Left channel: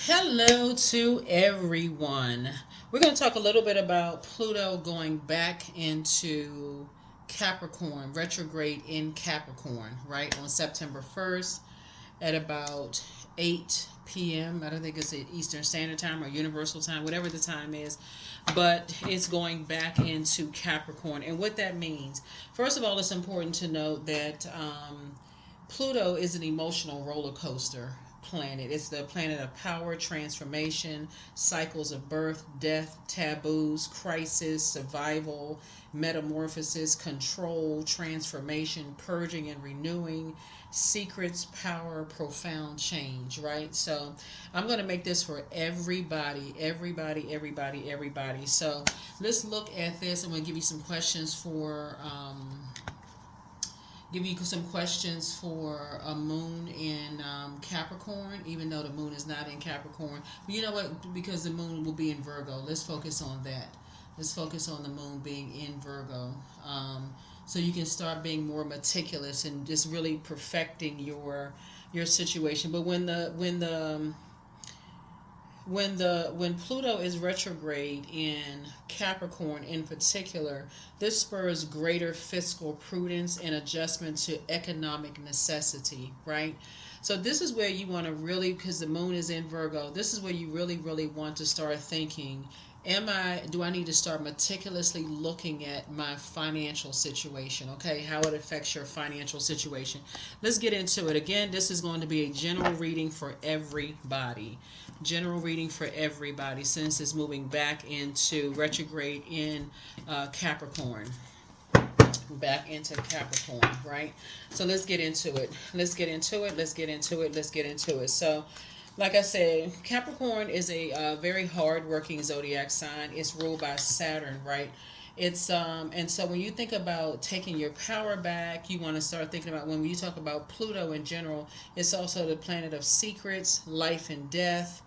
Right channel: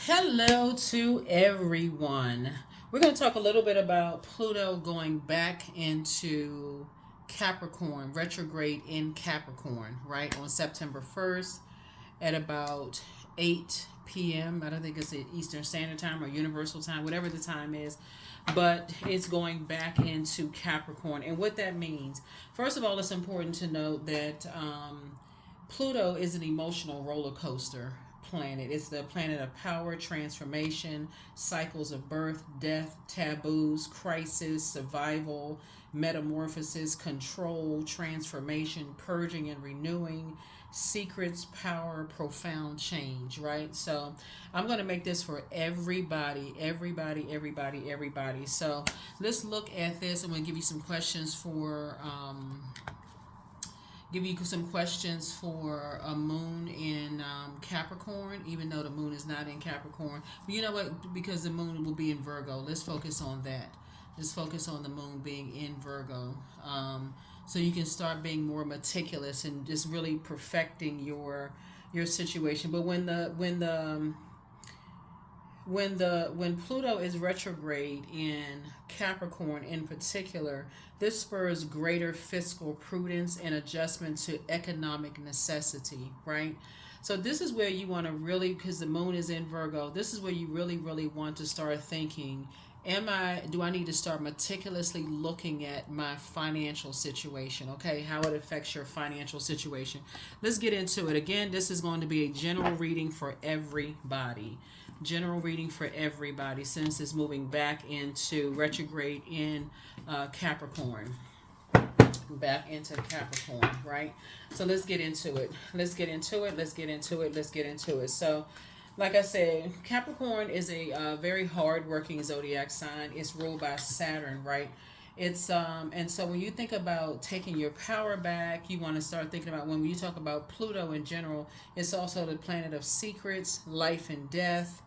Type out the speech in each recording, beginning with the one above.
Hello to everyone. We're going to talk a little bit about Pluto going back into Capricorn, retrograde in Capricorn, right, on September 1st at about 8 p.m. I don't think it's Eastern Standard Time or Universal Time, whatever the time is, but it's going back into Capricorn. And what that means, first of all, it's important to note that Pluto is an emotional roller coaster planet. It's the planet of power, transformation, cycles of birth, death, taboos, crisis, survival, metamorphosis, control, transformation, purging and renewing, secrets, power, profound change, right? So I'm going to make this for everybody, everybody, everybody, everybody. So let's look at this. I'm going to give you some questions for a moon in Capricorn, even though the moon is not in Capricorn. But you know what? Because the moon will be in Virgo, let's focus on that. Let's focus on the moon being in Virgo. So you can start being more meticulous and just really perfecting your situation. But when Pluto is retrograde in Capricorn in particular, this spurs greater fiscal prudence and adjustment to economic necessity, right? So this is where you want to really, because the moon is in Virgo, this is where you really, really want to start thinking, do I need to start meticulously looking at my financial situation, okay? How it affects your financial situation. Let's get into it. Again, this is going to be a general reading for everybody. General reading for everybody since it's moving back into retrograde in Capricorn. Back into Capricorn, right? So let's get into it. Let's get into it. Let's get into it. Let's get into it. So, like I said, Capricorn is a very hard-working zodiac sign. It's ruled by Saturn, right? It's and so when you think about taking your power back, you want to start thinking about when you talk about Pluto in general, it's also the planet of secrets, life and death,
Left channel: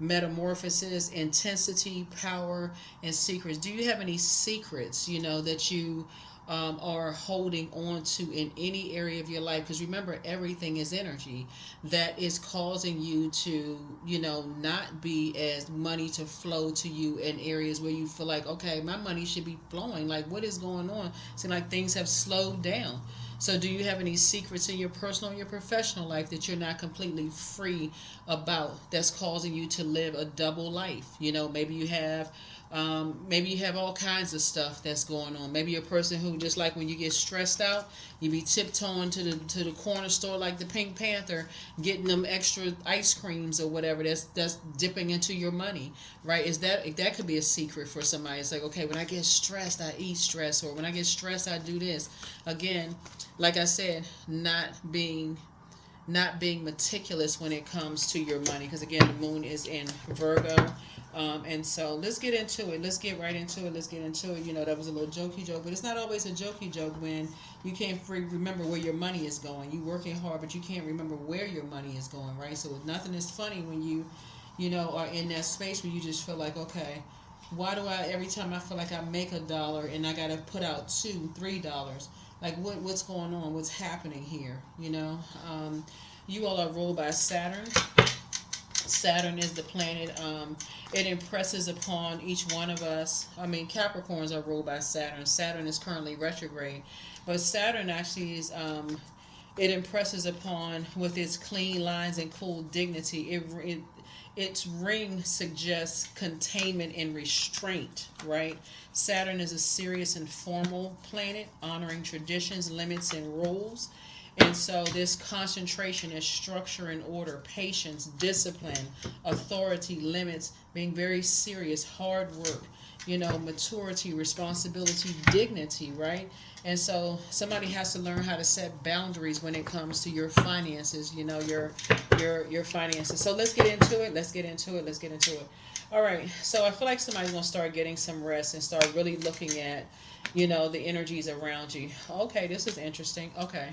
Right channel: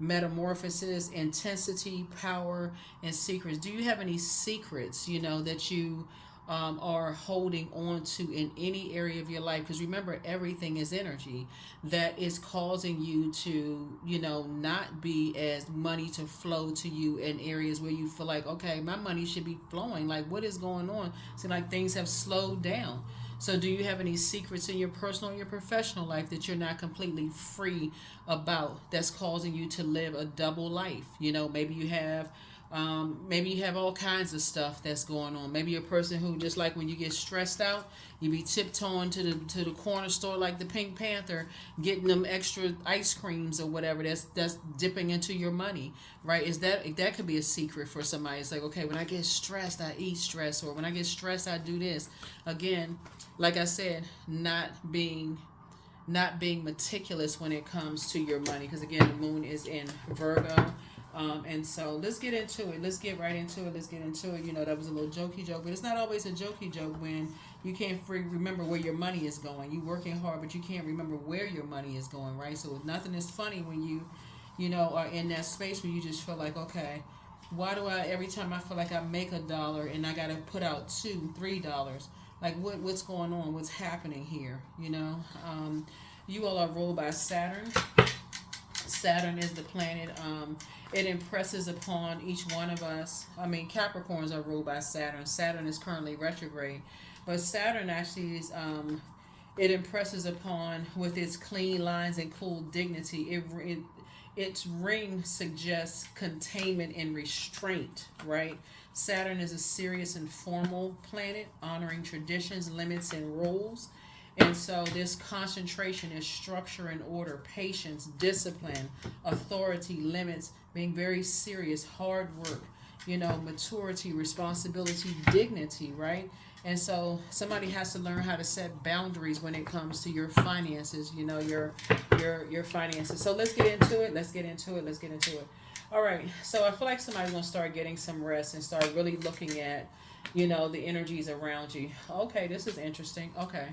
metamorphosis, intensity, power, and secrets. Do you have any secrets, that you are holding on to in any area of your life? Because remember, everything is energy that is causing you to, not be as money to flow to you in areas where you feel like, okay, my money should be flowing. Like, what is going on? So, like, things have slowed down. So, do you have any secrets in your personal or your professional life that you're not completely free about that's causing you to live a double life? Maybe you have all kinds of stuff that's going on. Maybe you're a person who, just like when you get stressed out, you be tiptoeing to the corner store like the Pink Panther, getting them extra ice creams or whatever. That's dipping into your money, right? That could be a secret for somebody? It's like, okay, when I get stressed, I eat stress, or when I get stressed, I do this. Again, like I said, not being meticulous when it comes to your money, because again, the moon is in Virgo. And so let's get into it. Let's get right into it. Let's get into it. That was a little jokey joke, but it's not always a jokey joke when you can't remember where your money is going. You working hard, but you can't remember where your money is going, right? So nothing is funny when are in that space where you just feel like, okay, why do every time I feel like I make $1 and I got to put out $2, $3, like what's going on? What's happening here? You all are ruled by Saturn. Saturn is the planet. It impresses upon each one of us. I mean, Capricorns are ruled by Saturn. Saturn is currently retrograde, but Saturn actually is. It impresses upon, with its clean lines and cool dignity. Its ring suggests containment and restraint. Right. Saturn is a serious and formal planet, honoring traditions, limits, and rules. And so this concentration is structure and order, patience, discipline, authority, limits, being very serious, hard work, maturity, responsibility, dignity, right? And so somebody has to learn how to set boundaries when it comes to your finances, your finances. So let's get into it. Let's get into it. Let's get into it. All right. So I feel like somebody's gonna start getting some rest and start really looking at, the energies around you. Okay, this is interesting. Okay.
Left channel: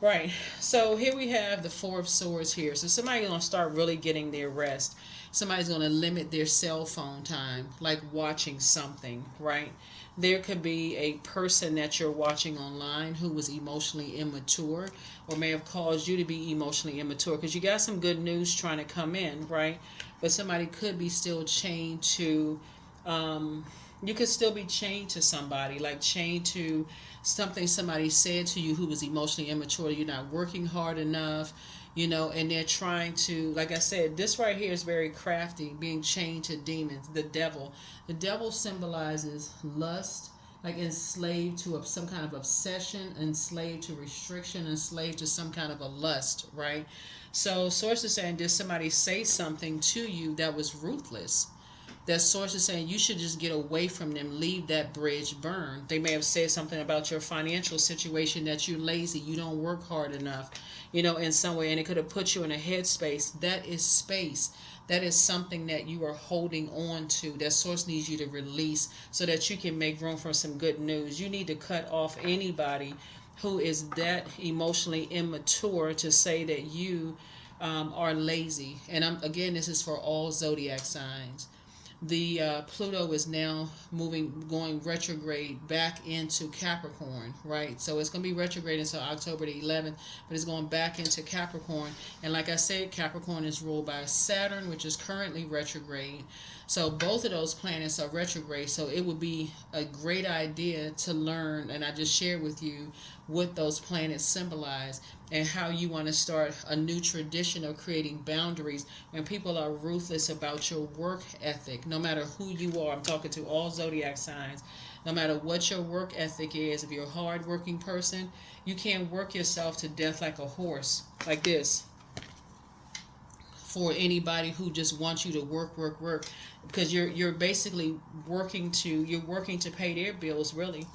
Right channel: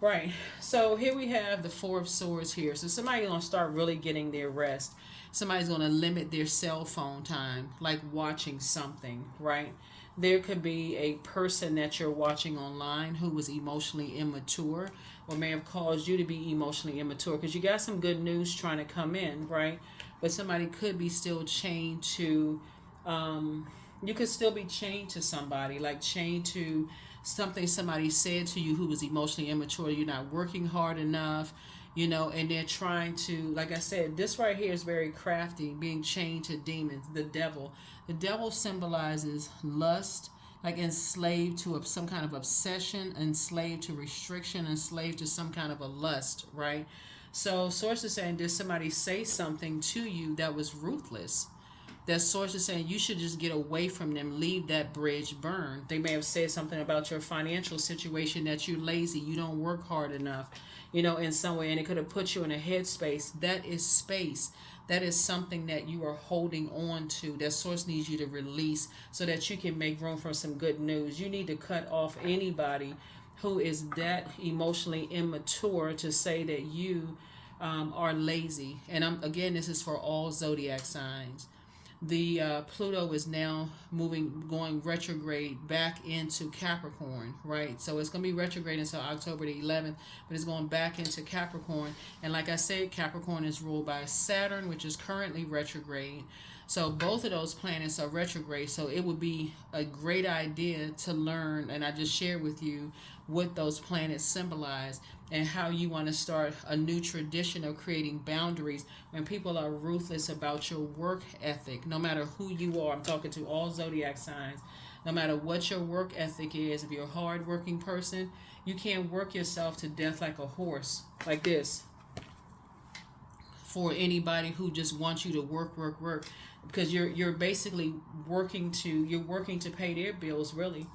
Right. So here we have the Four of Swords here. So somebody's going to start really getting their rest. Somebody's going to limit their cell phone time, like watching something, right? There could be a person that you're watching online who was emotionally immature or may have caused you to be emotionally immature because you got some good news trying to come in, right? But somebody could be still chained to, you could still be chained to somebody, like chained to something somebody said to you who was emotionally immature. You're not working hard enough, and they're trying to, like I said, this right here is very crafty, being chained to demons, the devil. The devil symbolizes lust, like enslaved to some kind of obsession, enslaved to restriction, enslaved to some kind of a lust, right? So source is saying, did somebody say something to you that was ruthless? That source is saying you should just get away from them, leave that bridge burned. They may have said something about your financial situation, that you're lazy, you don't work hard enough, in some way, and it could have put you in a headspace. That is space. That is something that you are holding on to. That source needs you to release so that you can make room for some good news. You need to cut off anybody who is that emotionally immature to say that you are lazy. And again, this is for all zodiac signs. The Pluto is now going retrograde back into Capricorn, right? So it's going to be retrograde until October the 11th, but it's going back into Capricorn. And like I said, Capricorn is ruled by Saturn, which is currently retrograde. So both of those planets are retrograde. So it would be a great idea to learn, and I just shared with you what those planets symbolize and how you want to start a new tradition of creating boundaries when people are ruthless about your work ethic. No matter who you are, I'm talking to all zodiac signs. No matter what your work ethic is, if you're a hard-working person, you can't work yourself to death like a horse, like this, for anybody who just wants you to work, because you're basically working to pay their bills, really.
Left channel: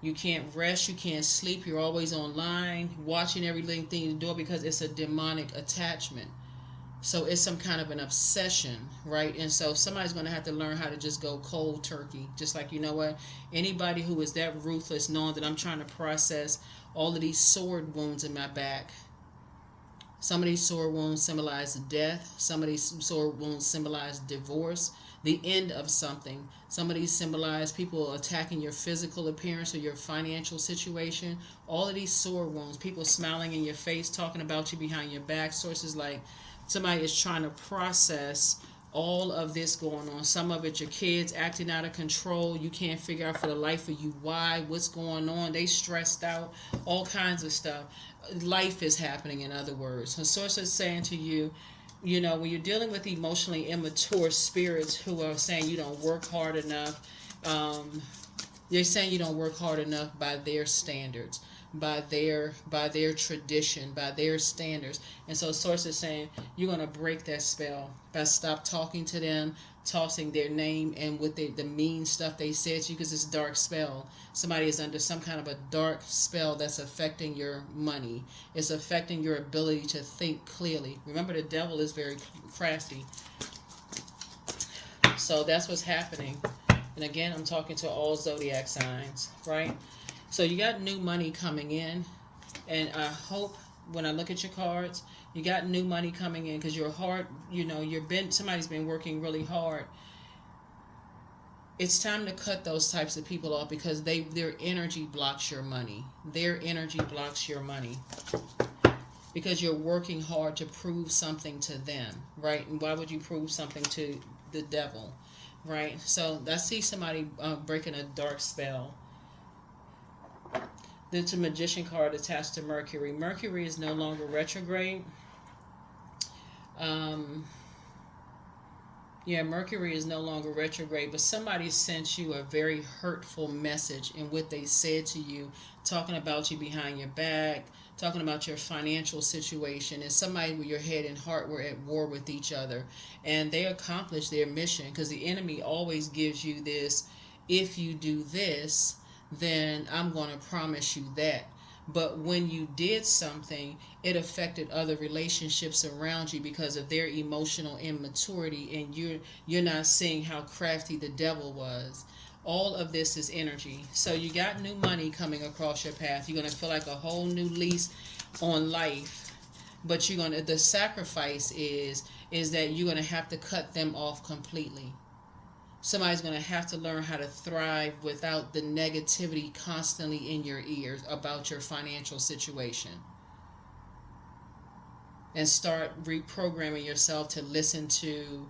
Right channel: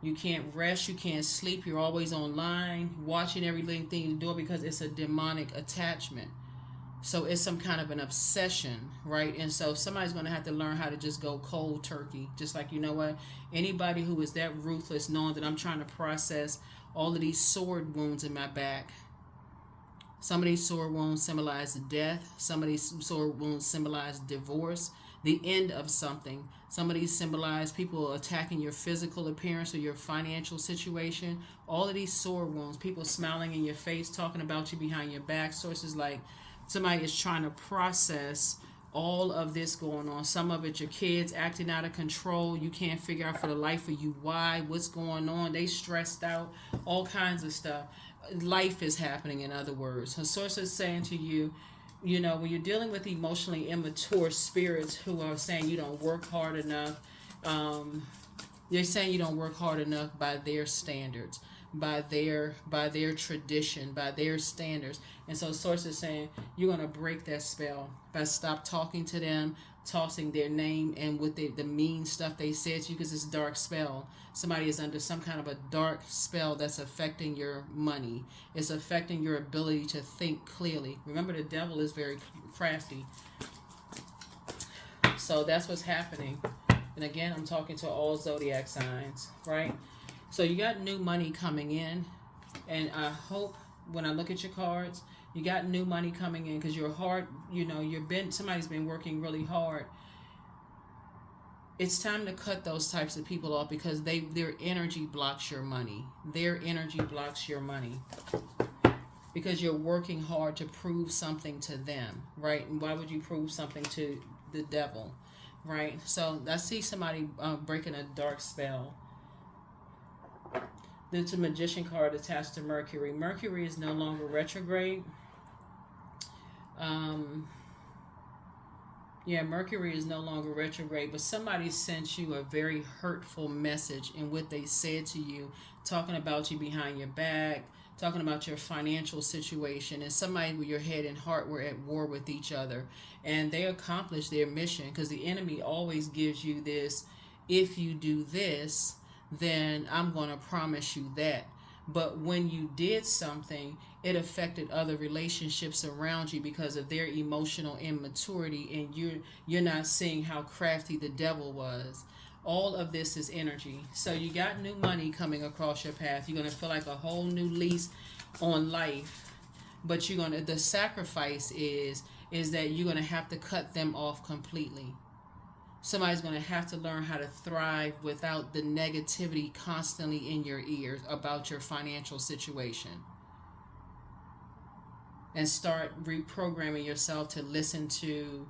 You can't rest, you can't sleep, you're always online, watching everything you do, because it's a demonic attachment. So it's some kind of an obsession, right? And so somebody's going to have to learn how to just go cold turkey. Just like, you know what? Anybody who is that ruthless, knowing that I'm trying to process all of these sword wounds in my back. Some of these sword wounds symbolize death. Some of these sword wounds symbolize divorce, the end of something. Some of these symbolize people attacking your physical appearance or your financial situation. All of these sword wounds, people smiling in your face, talking about you behind your back. Sources like somebody is trying to process all of this going on. Some of it, your kids acting out of control. You can't figure out for the life of you why, what's going on. They stressed out, all kinds of stuff. Life is happening, in other words. The source is saying to you, when you're dealing with emotionally immature spirits who are saying you don't work hard enough, they're saying you don't work hard enough by their standards, by their tradition, by their standards. And so source is saying you're going to break that spell by stop talking to them, tossing their name and with the mean stuff they said to you, because it's a dark spell. Somebody is under some kind of a dark spell that's affecting your money. It's affecting your ability to think clearly. Remember, the devil is very crafty. So that's what's happening. And again, I'm talking to all zodiac signs, right? So you got new money coming in. And I hope when I look at your cards, you got new money coming in, because your heart, somebody's been working really hard. It's time to cut those types of people off, because their energy blocks your money. Their energy blocks your money, because you're working hard to prove something to them, right? And why would you prove something to the devil, right? So I see somebody breaking a dark spell. There's a Magician card attached to Mercury. Mercury is no longer retrograde. Mercury is no longer retrograde, but somebody sent you a very hurtful message in what they said to you, talking about you behind your back, talking about your financial situation, and somebody with your head and heart were at war with each other, and they accomplished their mission, because the enemy always gives you this: if you do this, then I'm going to promise you that. But when you did something, it affected other relationships around you because of their emotional immaturity, and you're not seeing how crafty the devil was. All of this is energy. So you got new money coming across your path. You're going to feel like a whole new lease on life, but the sacrifice is that you're gonna have to cut them off completely. Somebody's going to have to learn how to thrive without the negativity constantly in your ears about your financial situation, and start reprogramming yourself to listen to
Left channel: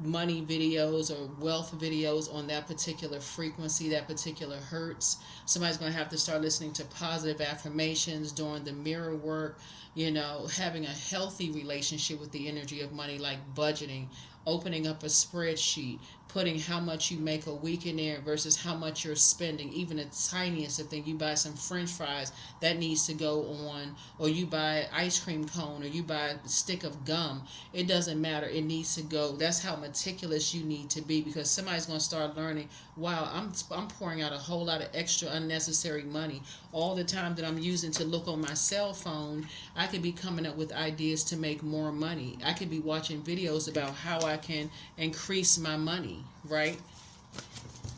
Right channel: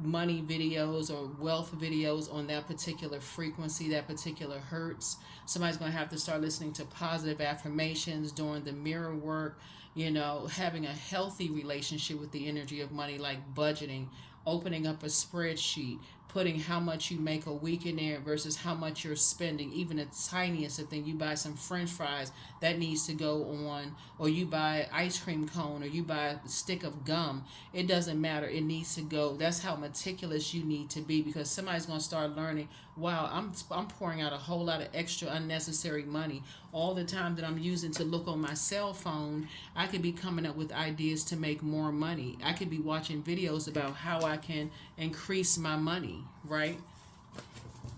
money videos or wealth videos on that particular frequency, that particular hertz. Somebody's going to have to start listening to positive affirmations, doing the mirror work, having a healthy relationship with the energy of money, like budgeting, opening up a spreadsheet, putting how much you make a week in there versus how much you're spending. Even the tiniest of thing, you buy some french fries, that needs to go on, or you buy an ice cream cone, or you buy a stick of gum. It doesn't matter. It needs to go. That's how meticulous you need to be, because somebody's going to start learning, wow, I'm pouring out a whole lot of extra unnecessary money. All the time that I'm using to look on my cell phone, I could be coming up with ideas to make more money. I could be watching videos about how I can increase my money, right?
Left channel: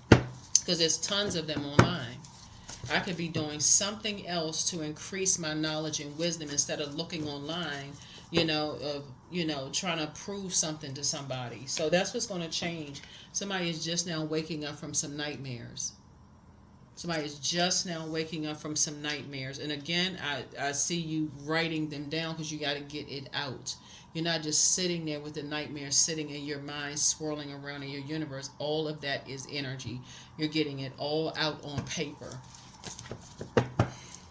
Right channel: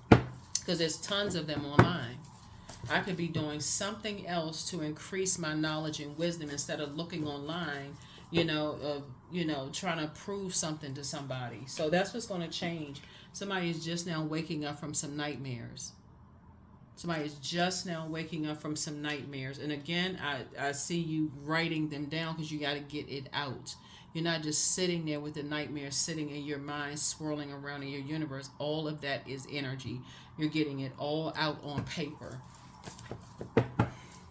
Because there's tons of them online. I could be doing something else to increase my knowledge and wisdom instead of looking online, trying to prove something to somebody. So that's what's going to change. Somebody is just now waking up from some nightmares. Somebody is just now waking up from some nightmares. And again, I see you writing them down, because you got to get it out. You're not just sitting there with the nightmare sitting in your mind, swirling around in your universe. All of that is energy. You're getting it all out on paper.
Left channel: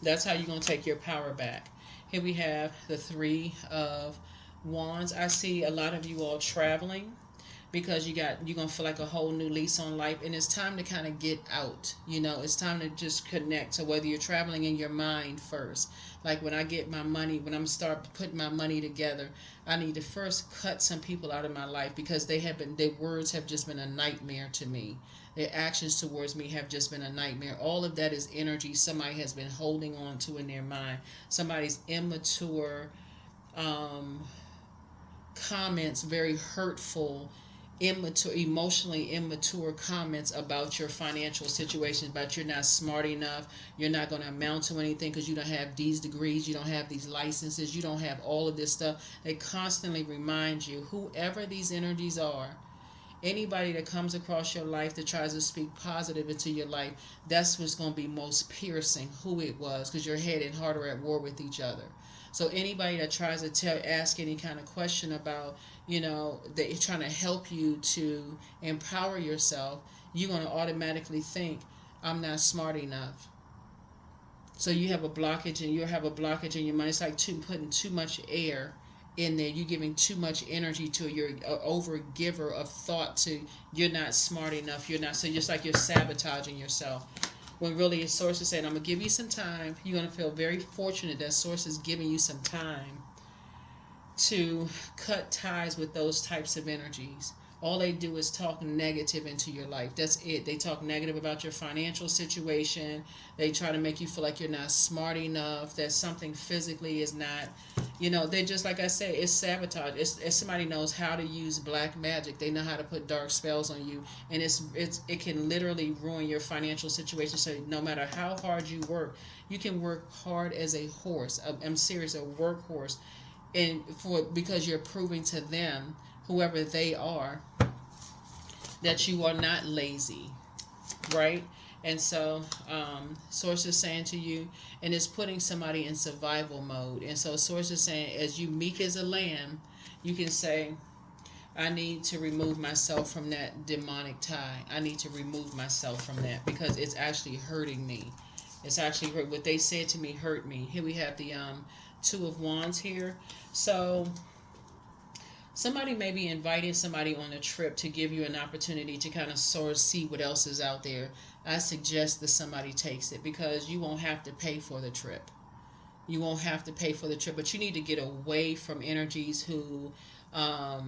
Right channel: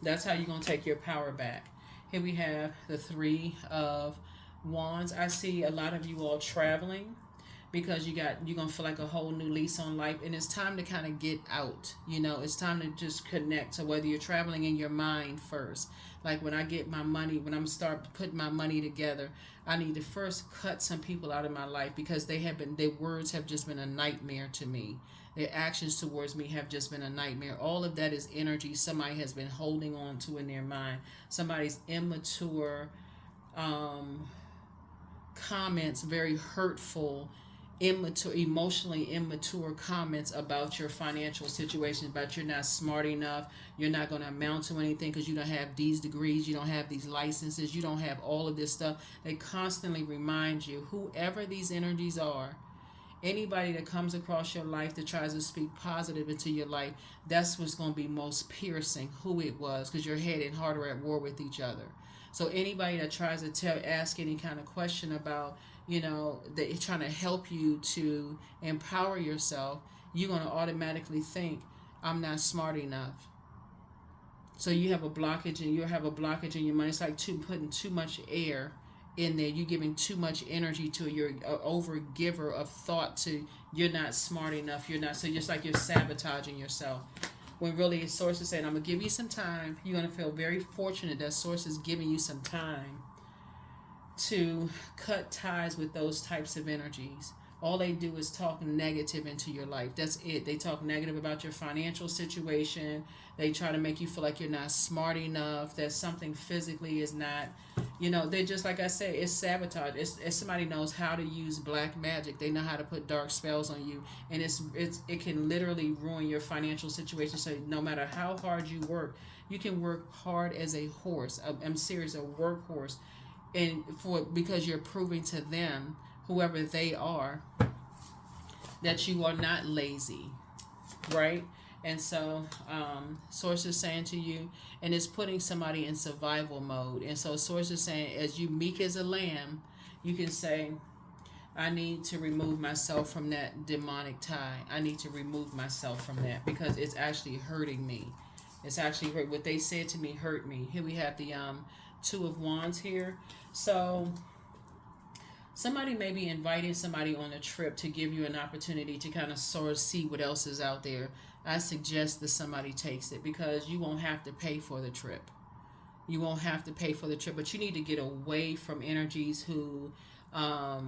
That's how you're going to take your power back. Here we have the Three of Wands. I see a lot of you all traveling, because you're going to feel like a whole new lease on life, and it's time to kind of get out. It's time to just connect. So whether you're traveling in your mind first, like when I get my money, when I'm start putting my money together, I need to first cut some people out of my life, because their words have just been a nightmare to me. Their actions towards me have just been a nightmare. All of that is energy somebody has been holding on to in their mind. Somebody's immature comments, very hurtful, emotionally immature comments about your financial situation, about you're not smart enough, you're not going to amount to anything because you don't have these degrees, you don't have these licenses, you don't have all of this stuff. They constantly remind you, whoever these energies are, anybody that comes across your life that tries to speak positive into your life, that's what's going to be most piercing, who it was, because your head and heart are at war with each other. So anybody that tries to ask any kind of question about, they're trying to help you to empower yourself, you're going to automatically think, I'm not smart enough. So you have a blockage, and you'll have a blockage in your mind. It's like putting too much air in there. You're giving too much energy to your over giver of thought to, you're not smart enough, you're not. So just like you're sabotaging yourself. When really Source is saying, I'm going to give you some time. You're going to feel very fortunate that Source is giving you some time to cut ties with those types of energies. All they do is talk negative into your life. That's it. They talk negative about your financial situation. They try to make you feel like you're not smart enough, that something physically is not, they're just, like I said, it's sabotage. It's somebody knows how to use black magic. They know how to put dark spells on you. And it can literally ruin your financial situation. So no matter how hard you work, you can work hard as a horse. I'm serious, a workhorse. Because you're proving to them, whoever they are, that you are not lazy, right? And so Source is saying to you, and it's putting somebody in survival mode. And so Source is saying, as you meek as a lamb, you can say, I need to remove myself from that demonic tie. I need to remove myself from that, because it's actually hurting me. It's actually what they said to me hurt me. Here we have the Two of Wands here. So somebody may be inviting somebody on a trip to give you an opportunity to kind of sort of see what else is out there. I suggest that somebody takes it, because you won't have to pay for the trip. You won't have to pay for the trip, but you need to get away from energies who have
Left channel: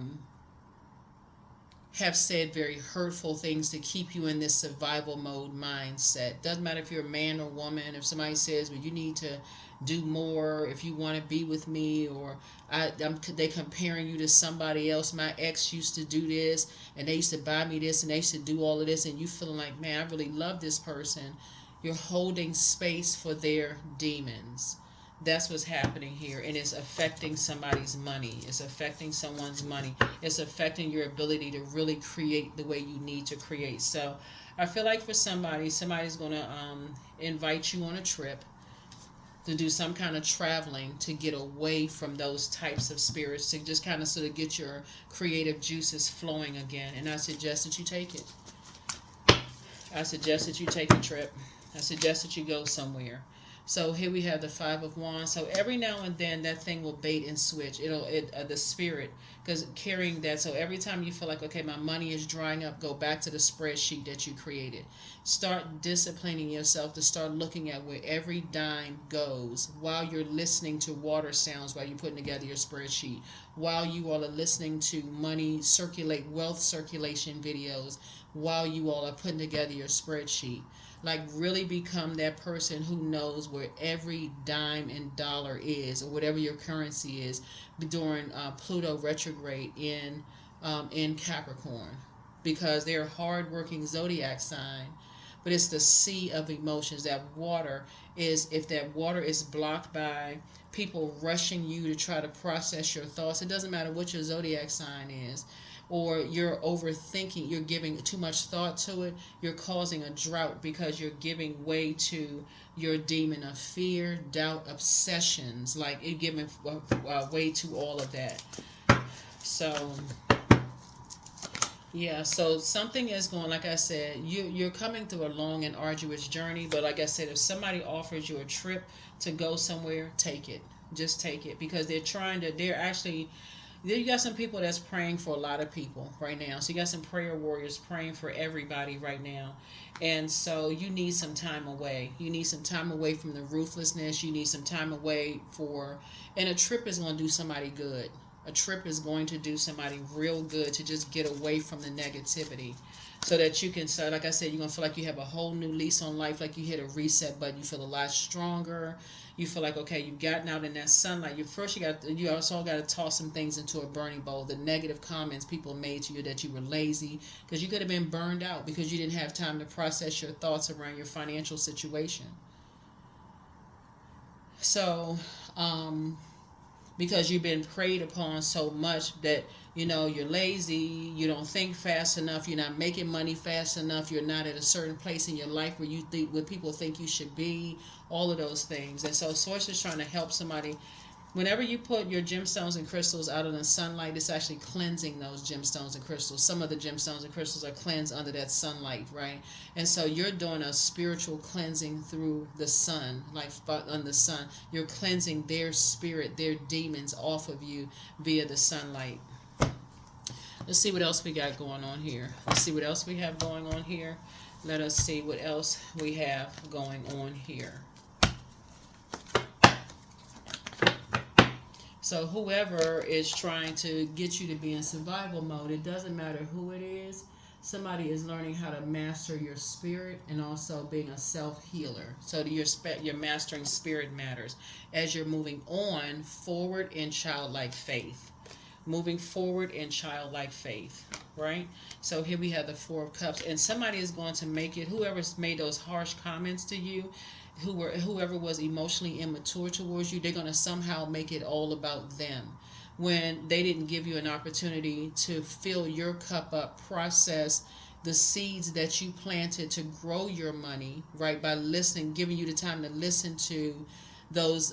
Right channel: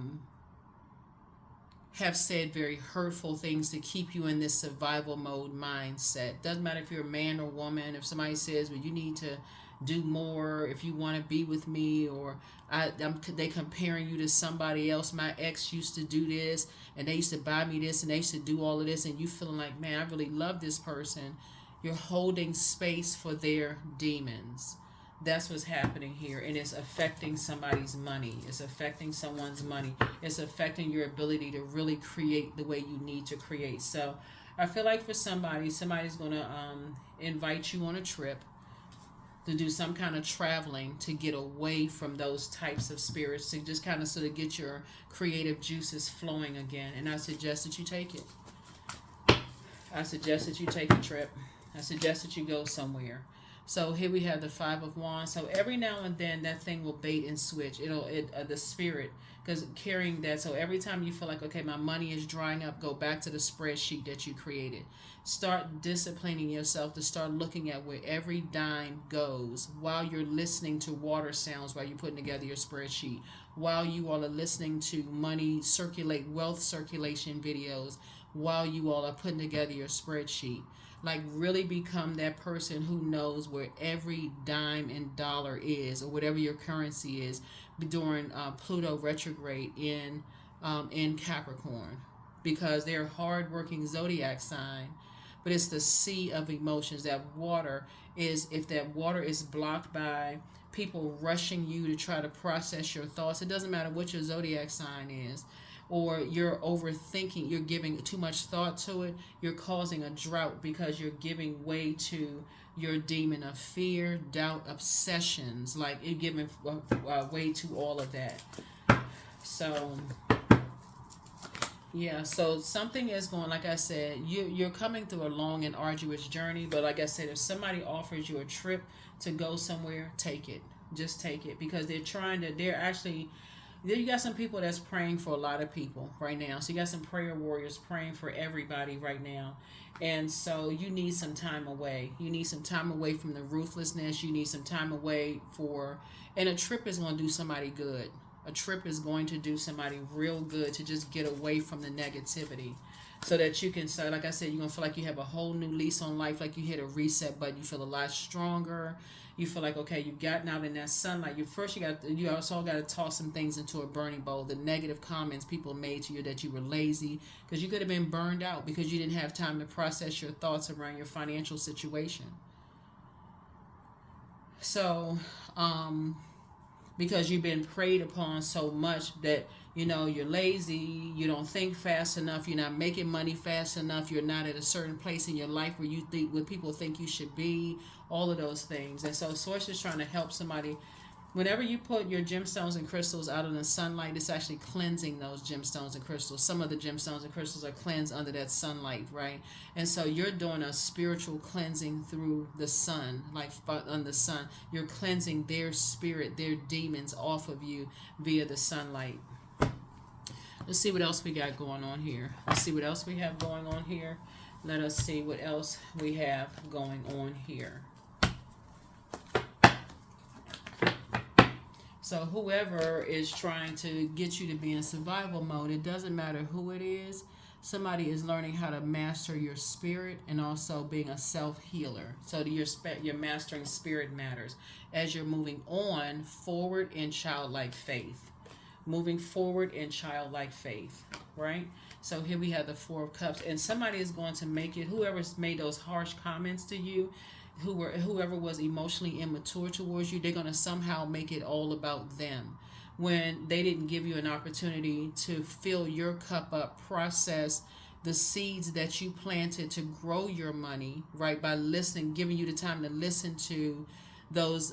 said very hurtful things to keep you in this survival mode mindset. Doesn't matter if you're a man or woman. If somebody says, well, you need to do more if you want to be with me, or they comparing you to somebody else. My ex used to do this, and they used to buy me this, and they used to do all of this, and you feeling like, man, I really love this person. You're holding space for their demons. That's what's happening here, and it's affecting somebody's money. It's affecting someone's money. It's affecting your ability to really create the way you need to create. So I feel like for somebody's going to invite you on a trip to do some kind of traveling to get away from those types of spirits, to just kind of sort of get your creative juices flowing again. And I suggest that you take it. I suggest that you take a trip. I suggest that you go somewhere. So here we have the Five of Wands. So every now and then that thing will bait and switch. The spirit, because carrying that. So every time you feel like, okay, my money is drying up, go back to the spreadsheet that you created. Start disciplining yourself to start looking at where every dime goes while you're listening to water sounds, while you're putting together your spreadsheet, while you all are listening to wealth circulation videos, while you all are putting together your spreadsheet. Like, really become that person who knows where every dime and dollar is, or whatever your currency is, during Pluto retrograde in Capricorn, because they're a hard-working zodiac sign. But it's the sea of emotions. That water is, if that water is blocked by people rushing you to try to process your thoughts, it doesn't matter what your zodiac sign is, or you're overthinking, you're giving too much thought to it, you're causing a drought because you're giving way to your demon of fear, doubt, obsessions. Like, you're giving way to all of that. So yeah, so something is going, like I said, you're coming through a long and arduous journey, but like I said, if somebody offers you a trip to go somewhere, take it. Just take it, because you got some people that's praying for a lot of people right now. So you got some prayer warriors praying for everybody right now. And so you need some time away. You need some time away from the ruthlessness. You need some time away and a trip is going to do somebody good. A trip is going to do somebody real good, to just get away from the negativity, so that you can start, like I said, you're going to feel like you have a whole new lease on life, like you hit a reset button. You feel a lot stronger. You feel like, okay, you've gotten out in that sunlight. You also got to toss some things into a burning bowl. The negative comments people made to you, that you were lazy, because you could have been burned out because you didn't have time to process your thoughts around your financial situation. So, because you've been preyed upon so much that you're lazy, you don't think fast enough, you're not making money fast enough, you're not at a certain place in your life where people think you should be, all of those things. And so Source is trying to help somebody. Whenever you put your gemstones and crystals out in the sunlight, it's actually cleansing those gemstones and crystals. Some of the gemstones and crystals are cleansed under that sunlight, right? And so you're doing a spiritual cleansing through the sun, like on the sun. You're cleansing their spirit, their demons off of you via the sunlight. Let's see what else we got going on here. Let's see what else we have going on here. Let us see what else we have going on here. So whoever is trying to get you to be in survival mode, it doesn't matter who it is. Somebody is learning how to master your spirit, and also being a self-healer. So your mastering spirit matters as you're moving on forward in childlike faith. Moving forward in childlike faith, right? So here we have the Four of Cups, and somebody is going to make it, whoever's made those harsh comments to you, whoever was emotionally immature towards you, they're going to somehow make it all about them, when they didn't give you an opportunity to fill your cup up, process the seeds that you planted to grow your money, right? By listening, giving you the time to listen to those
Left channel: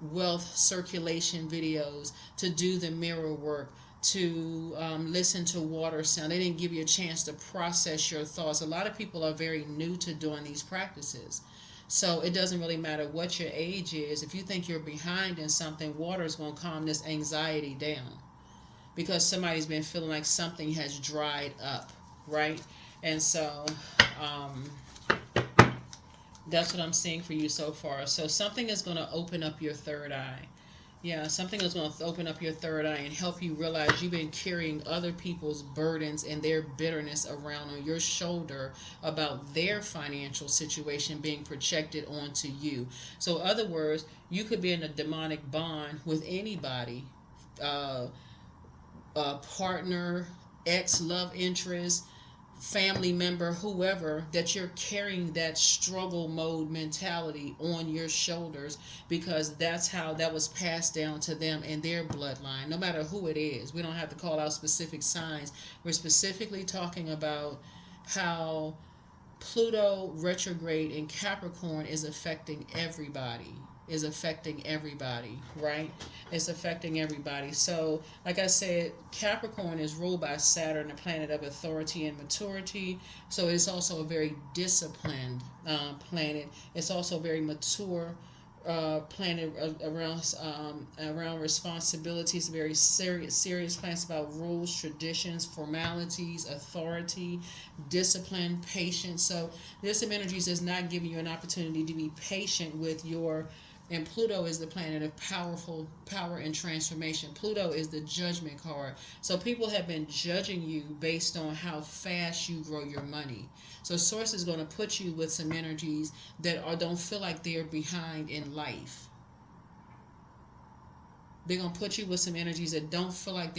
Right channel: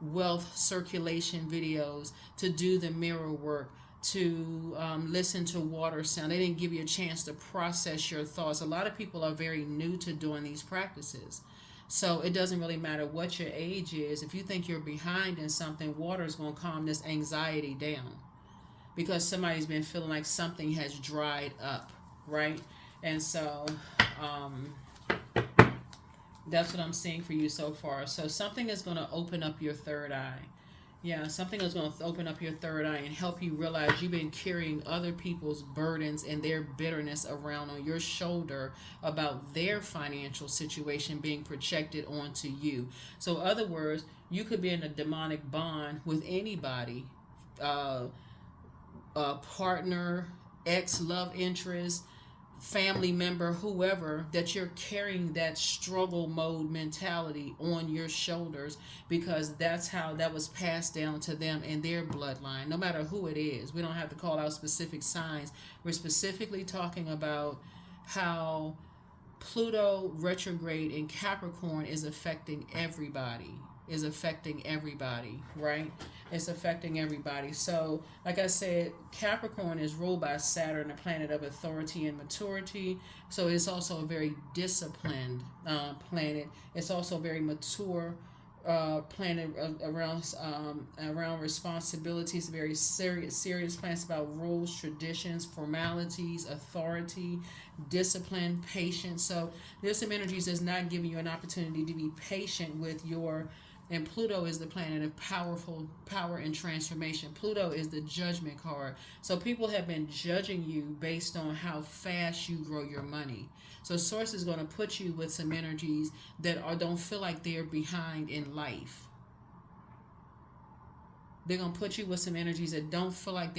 wealth circulation videos, to do the mirror work, to listen to water sound. They didn't give you a chance to process your thoughts. A lot of people are very new to doing these practices. So it doesn't really matter what your age is. If you think you're behind in something, water is going to calm this anxiety down, because somebody's been feeling like something has dried up, right? And so that's what I'm seeing for you so far. So something is going to open up your third eye. Yeah, something is going to open up your third eye and help you realize you've been carrying other people's burdens and their bitterness around on your shoulder about their financial situation being projected onto you. So in other words, you could be in a demonic bond with anybody, a partner, ex-love interest, family member, whoever, that you're carrying that struggle mode mentality on your shoulders, because that's how that was passed down to them in their bloodline, no matter who it is. We don't have to call out specific signs. We're specifically talking about how Pluto retrograde in Capricorn is affecting everybody. Right? It's affecting everybody. So, like I said, Capricorn is ruled by Saturn, a planet of authority and maturity. So it's also a very disciplined planet. It's also a very mature planet around responsibilities. Very serious planets about rules, traditions, formalities, authority, discipline, patience. So this energies is not giving you an opportunity to be patient with your. And Pluto is the planet of power and transformation. Pluto is the judgment card. So people have been judging you based on how fast you grow your money. So Source is going to put you with some energies that don't feel like they're behind in life. They're going to put you with some energies that don't feel like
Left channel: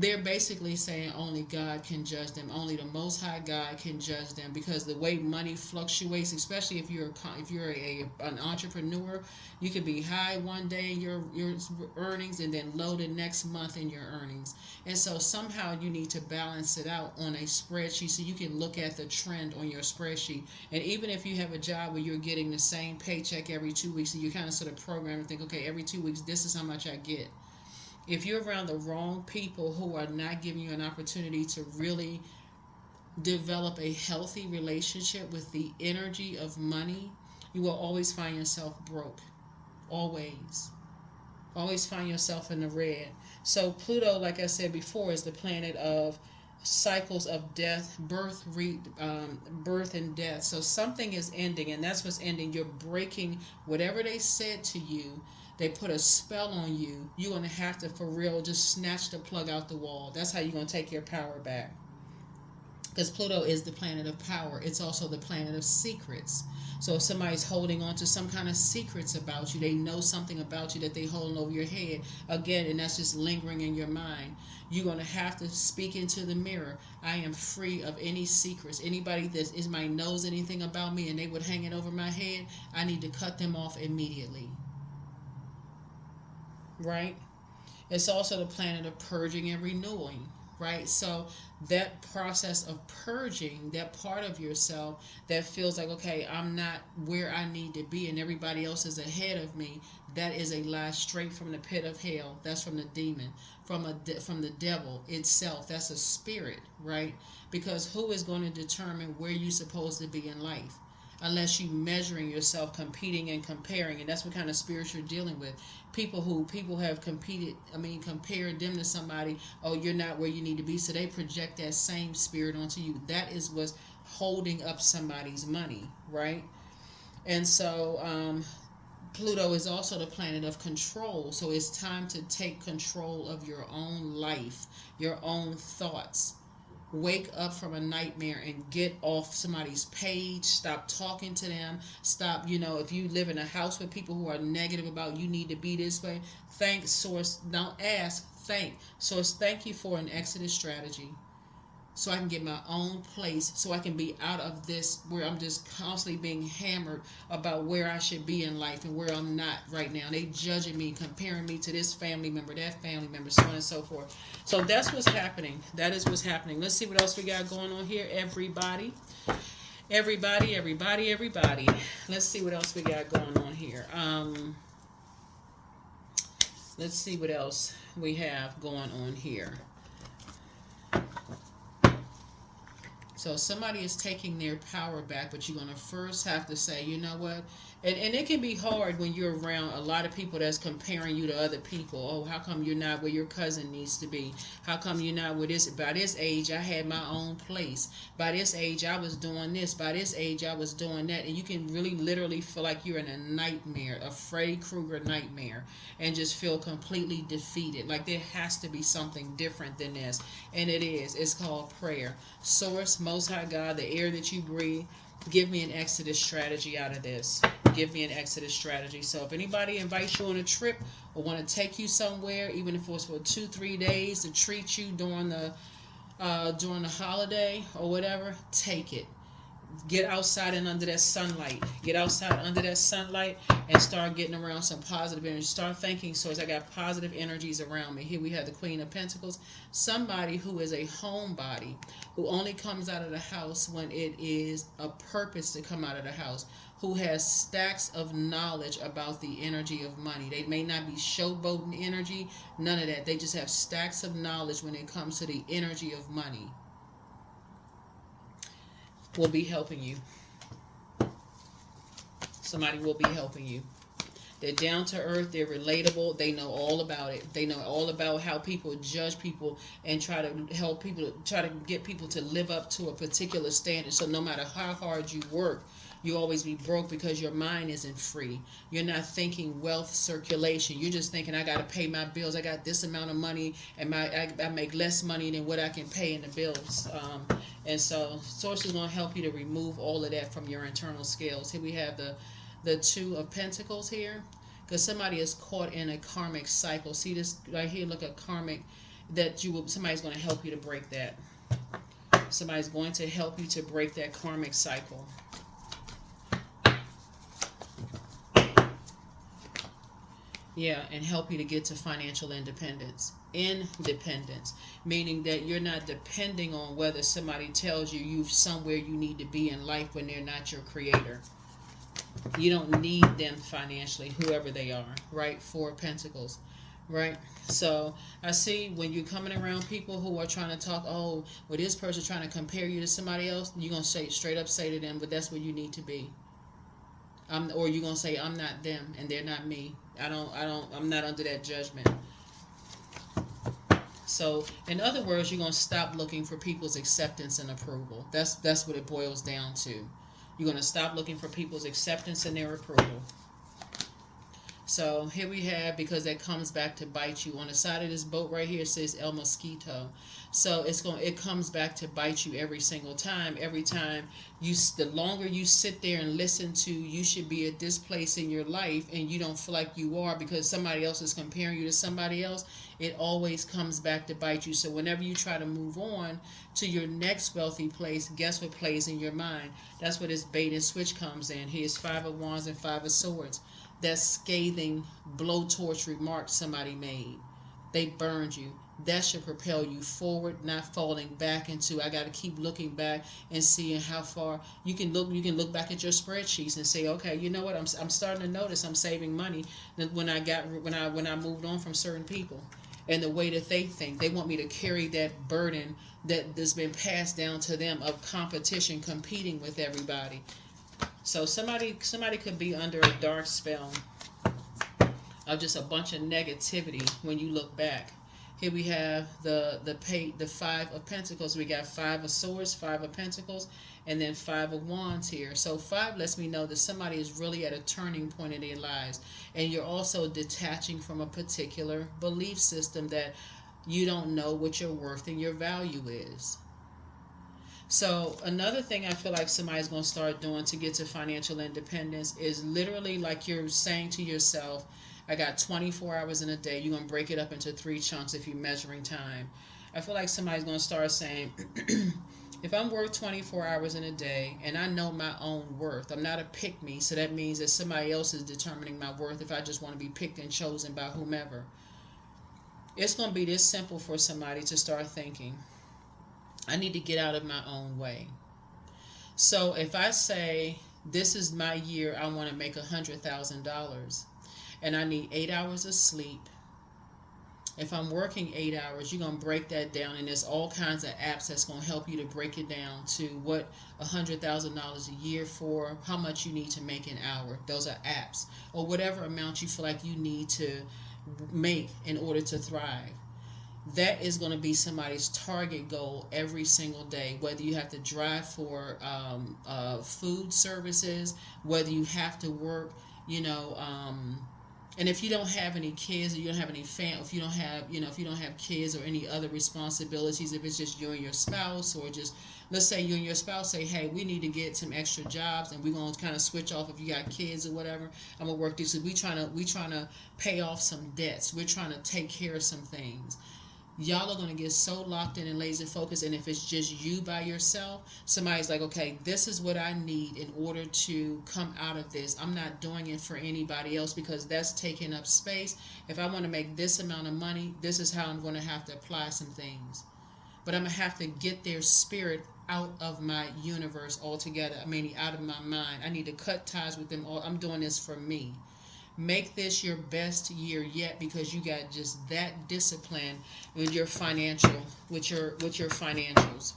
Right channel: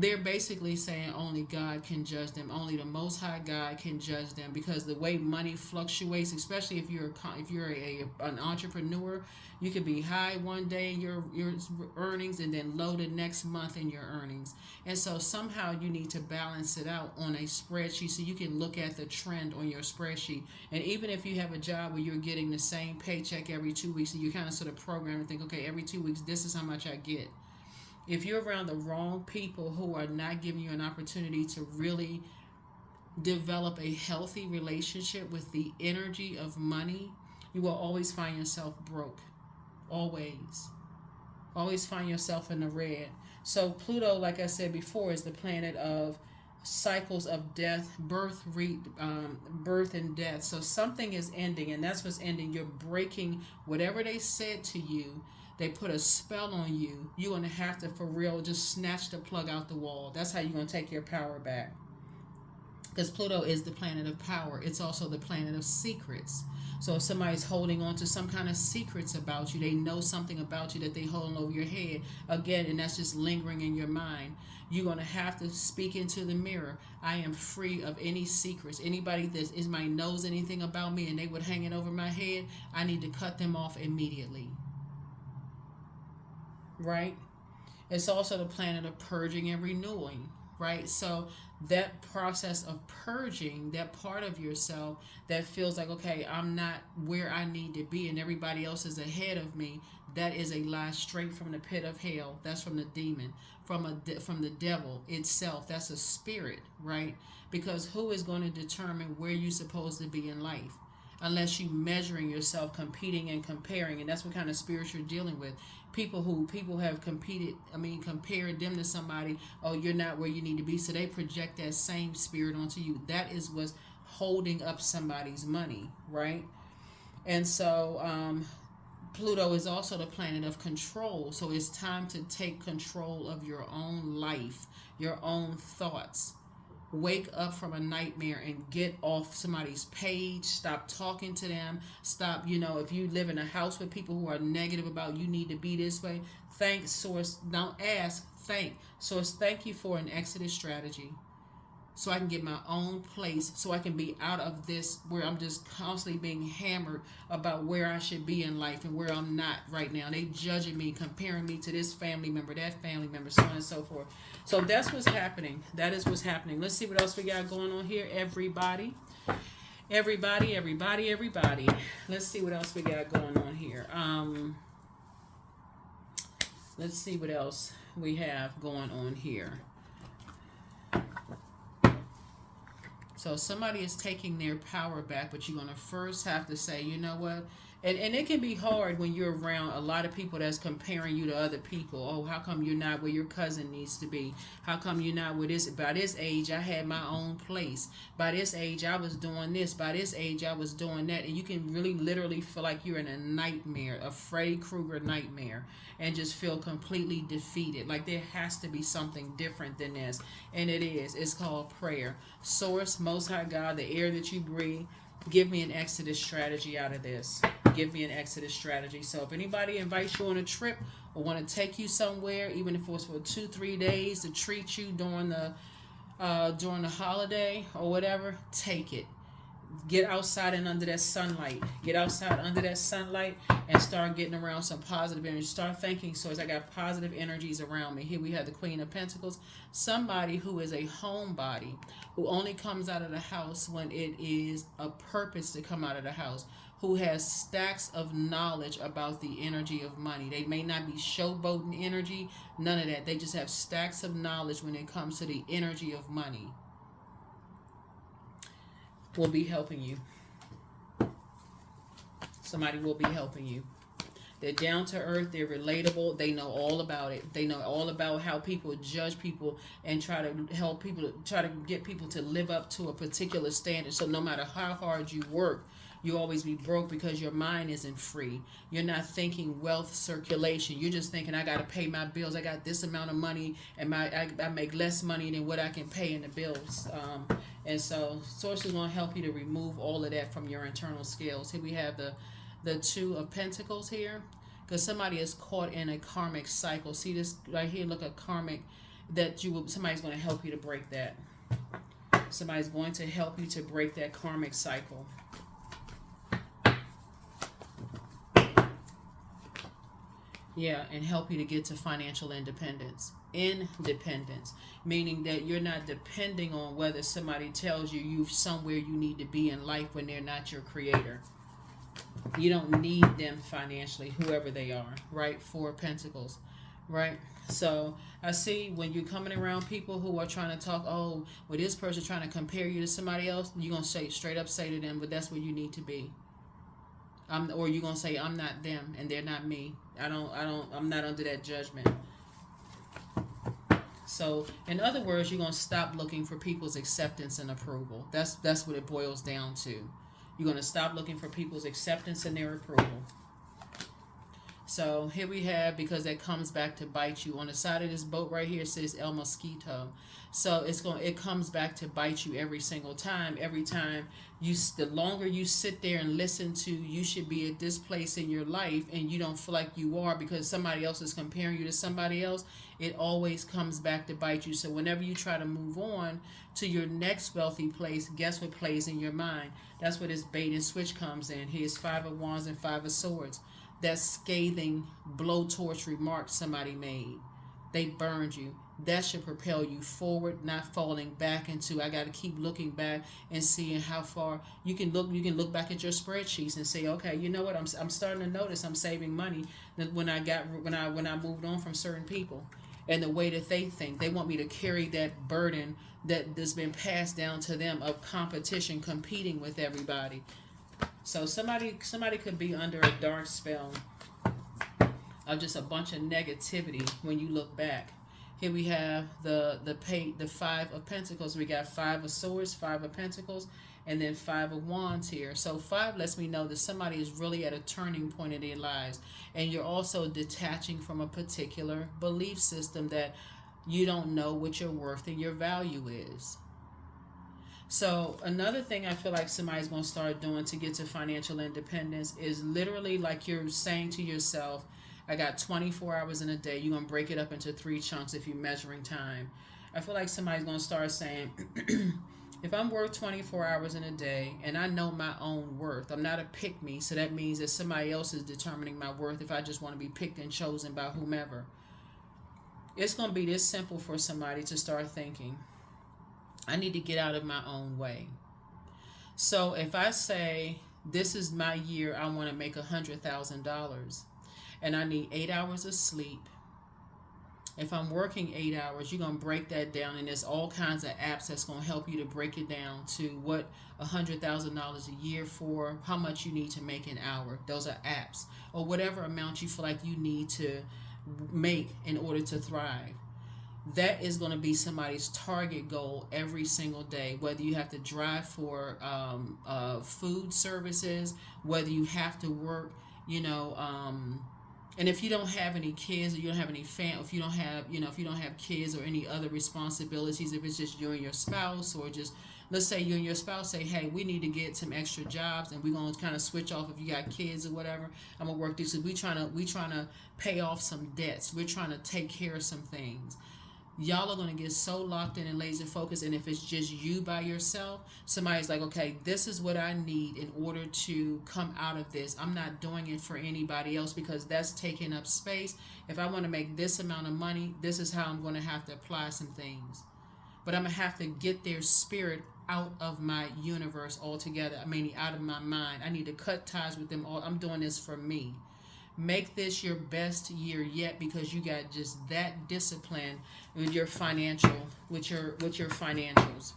they're basically saying only God can judge them. Only the Most High God can judge them, because the way money fluctuates, especially if you're an entrepreneur, you could be high one day your earnings and then low the next month in your earnings. And so somehow you need to balance it out on a spreadsheet so you can look at the trend on your spreadsheet. And even if you have a job where you're getting the same paycheck every 2 weeks, and you kind of sort of program and think, okay, every 2 weeks this is how much I get. If you're around the wrong people who are not giving you an opportunity to really develop a healthy relationship with the energy of money, you will always find yourself broke. Always. Always find yourself in the red. So Pluto, like I said before, is the planet of cycles of death, birth and death. So something is ending, and that's what's ending. You're breaking whatever they said to you. They put a spell on you. You're going to have to, for real, just snatch the plug out the wall. That's how you're going to take your power back. Because Pluto is the planet of power. It's also the planet of secrets. So if somebody's holding on to some kind of secrets about you, they know something about you that they're holding over your head, again, and that's just lingering in your mind, you're going to have to speak into the mirror. I am free of any secrets. Anybody that knows anything about me and they would hang it over my head, I need to cut them off immediately. Right? It's also the planet of purging and renewing, right? So that process of purging that part of yourself that feels like, okay, I'm not where I need to be and everybody else is ahead of me, that is a lie straight from the pit of hell. That's from the demon, from the devil itself. That's a spirit, right? Because who is going to determine where you're supposed to be in life? Unless you measuring yourself, competing and comparing, and that's what kind of spirit you're dealing with. People have compared them to somebody. Oh, you're not where you need to be, so they project that same spirit onto you. That is what's holding up somebody's money, right? And so Pluto is also the planet of control. So it's time to take control of your own life, your own thoughts. Wake up from a nightmare and get off somebody's page. Stop talking to them. Stop, if you live in a house with people who are negative about you need to be this way, thank Source. Don't ask, thank Source. Thank you for an exodus strategy, so I can get my own place, so I can be out of this where I'm just constantly being hammered about where I should be in life and where I'm not right now. They judging me, comparing me to this family member, that family member, so on and so forth. So that's what's happening. That is what's happening. Let's see what else we got going on here, everybody. Everybody. Let's see what else we got going on here. Let's see what else we have going on here. So somebody is taking their power back, but you're going to first have to say, you know what? And it can be hard when you're around a lot of people that's comparing you to other people. Oh, how come you're not where your cousin needs to be? How come you're not where this? By this age, I had my own place. By this age, I was doing this. By this age, I was doing that. And you can really literally feel like you're in a nightmare, a Freddy Krueger nightmare, and just feel completely defeated. Like there has to be something different than this. And it is. It's called prayer. Source, Most High God, the air that you breathe, Give me an exodus strategy out of this. Give me an exodus strategy. So if anybody invites you on a trip or want to take you somewhere, even if it was for 2-3 days to treat you during the holiday or whatever, take it. Get outside and under that sunlight. Get outside under that sunlight and start getting around some positive energy. Start thinking, so as I got positive energies around me. Here we have the Queen of Pentacles. Somebody who is a homebody, who only comes out of the house when it is a purpose to come out of the house, who has stacks of knowledge about the energy of money. They may not be showboating energy, none of that. They just have stacks of knowledge when it comes to the energy of money. Will be helping you. Somebody will be helping you. They're down to earth. They're relatable. They know all about it. They know all about how people judge people and try to help people, try to get people to live up to a particular standard. So no matter how hard you work, you always be broke because your mind isn't free. You're not thinking wealth circulation. You're just thinking, I got to pay my bills. I got this amount of money, and I make less money than what I can pay in the bills. And so Source is going to help you to remove all of that from your internal scales. Here we have the Two of Pentacles here, because somebody is caught in a karmic cycle. See this right here? Look at karmic, that somebody's going to help you to break that. Somebody's going to help you to break that karmic cycle. Yeah, and help you to get to financial independence. Independence, meaning that you're not depending on whether somebody tells you you're somewhere you need to be in life when they're not your creator. You don't need them financially, whoever they are, right? Four of Pentacles, right? So I see when you're coming around people who are trying to talk, oh, well, this person trying to compare you to somebody else, you're going to say straight up say to them, but that's where you need to be. Or you're going to say, I'm not them and they're not me. I'm not under that judgment. So, in other words, you're going to stop looking for people's acceptance and approval. That's what it boils down to. You're going to stop looking for people's acceptance and their approval. So, here we have, because that comes back to bite you. On the side of this boat right here, it says El Mosquito. So, it comes back to bite you every single time. Every time the longer you sit there and listen to, you should be at this place in your life, and you don't feel like you are because somebody else is comparing you to somebody else, it always comes back to bite you. So whenever you try to move on to your next wealthy place, guess what plays in your mind? That's where this bait and switch comes in. Here's Five of Wands and Five of Swords. That scathing blowtorch remark somebody made. They burned you. That should propel you forward, not falling back into, I got to keep looking back and seeing how far you can look. You can look back at your spreadsheets and say, okay, you know what? I'm starting to notice I'm saving money when I moved on from certain people. And the way that they think, they want me to carry that burden that's been passed down to them of competition, competing with everybody. So somebody could be under a dark spell of just a bunch of negativity when you look back. Here we have the Five of Pentacles. We got Five of Swords, Five of Pentacles, and then Five of Wands here. So 5 lets me know that somebody is really at a turning point in their lives. And you're also detaching from a particular belief system that you don't know what your worth and your value is. So another thing I feel like somebody's going to start doing to get to financial independence is literally like you're saying to yourself, I got 24 hours in a day. You're going to break it up into 3 chunks if you're measuring time. I feel like somebody's going to start saying, if I'm worth 24 hours in a day and I know my own worth, I'm not a pick-me, so that means that somebody else is determining my worth if I just want to be picked and chosen by whomever. It's going to be this simple for somebody to start thinking, I need to get out of my own way. So if I say, this is my year, I want to make $100,000. And I need 8 hours of sleep. If I'm working 8 hours, you're going to break that down. And there's all kinds of apps that's going to help you to break it down to what $100,000 a year for, how much you need to make an hour. Those are apps. Or whatever amount you feel like you need to make in order to thrive. That is going to be somebody's target goal every single day. Whether you have to drive for food services, whether you have to work, and if you don't have any kids, or you don't have any if you don't have kids or any other responsibilities, if it's just you and your spouse, or just Let's say you and your spouse say, hey, we need to get some extra jobs, and we're going to kind of switch off if you got kids or whatever. I'm going to work these. So we trying to pay off some debts. We're trying to take care of some things. Y'all are going to get so locked in and laser focused, and if it's just you by yourself, somebody's like, okay, this is what I need in order to come out of this. I'm not doing it for anybody else because that's taking up space. If I want to make this amount of money, this is how I'm going to have to apply some things. But I'm going to have to get their spirit out of my universe altogether. I mean, out of my mind. I need to cut ties with them all. I'm doing this for me. Make this your best year yet because you got just that discipline with your financials,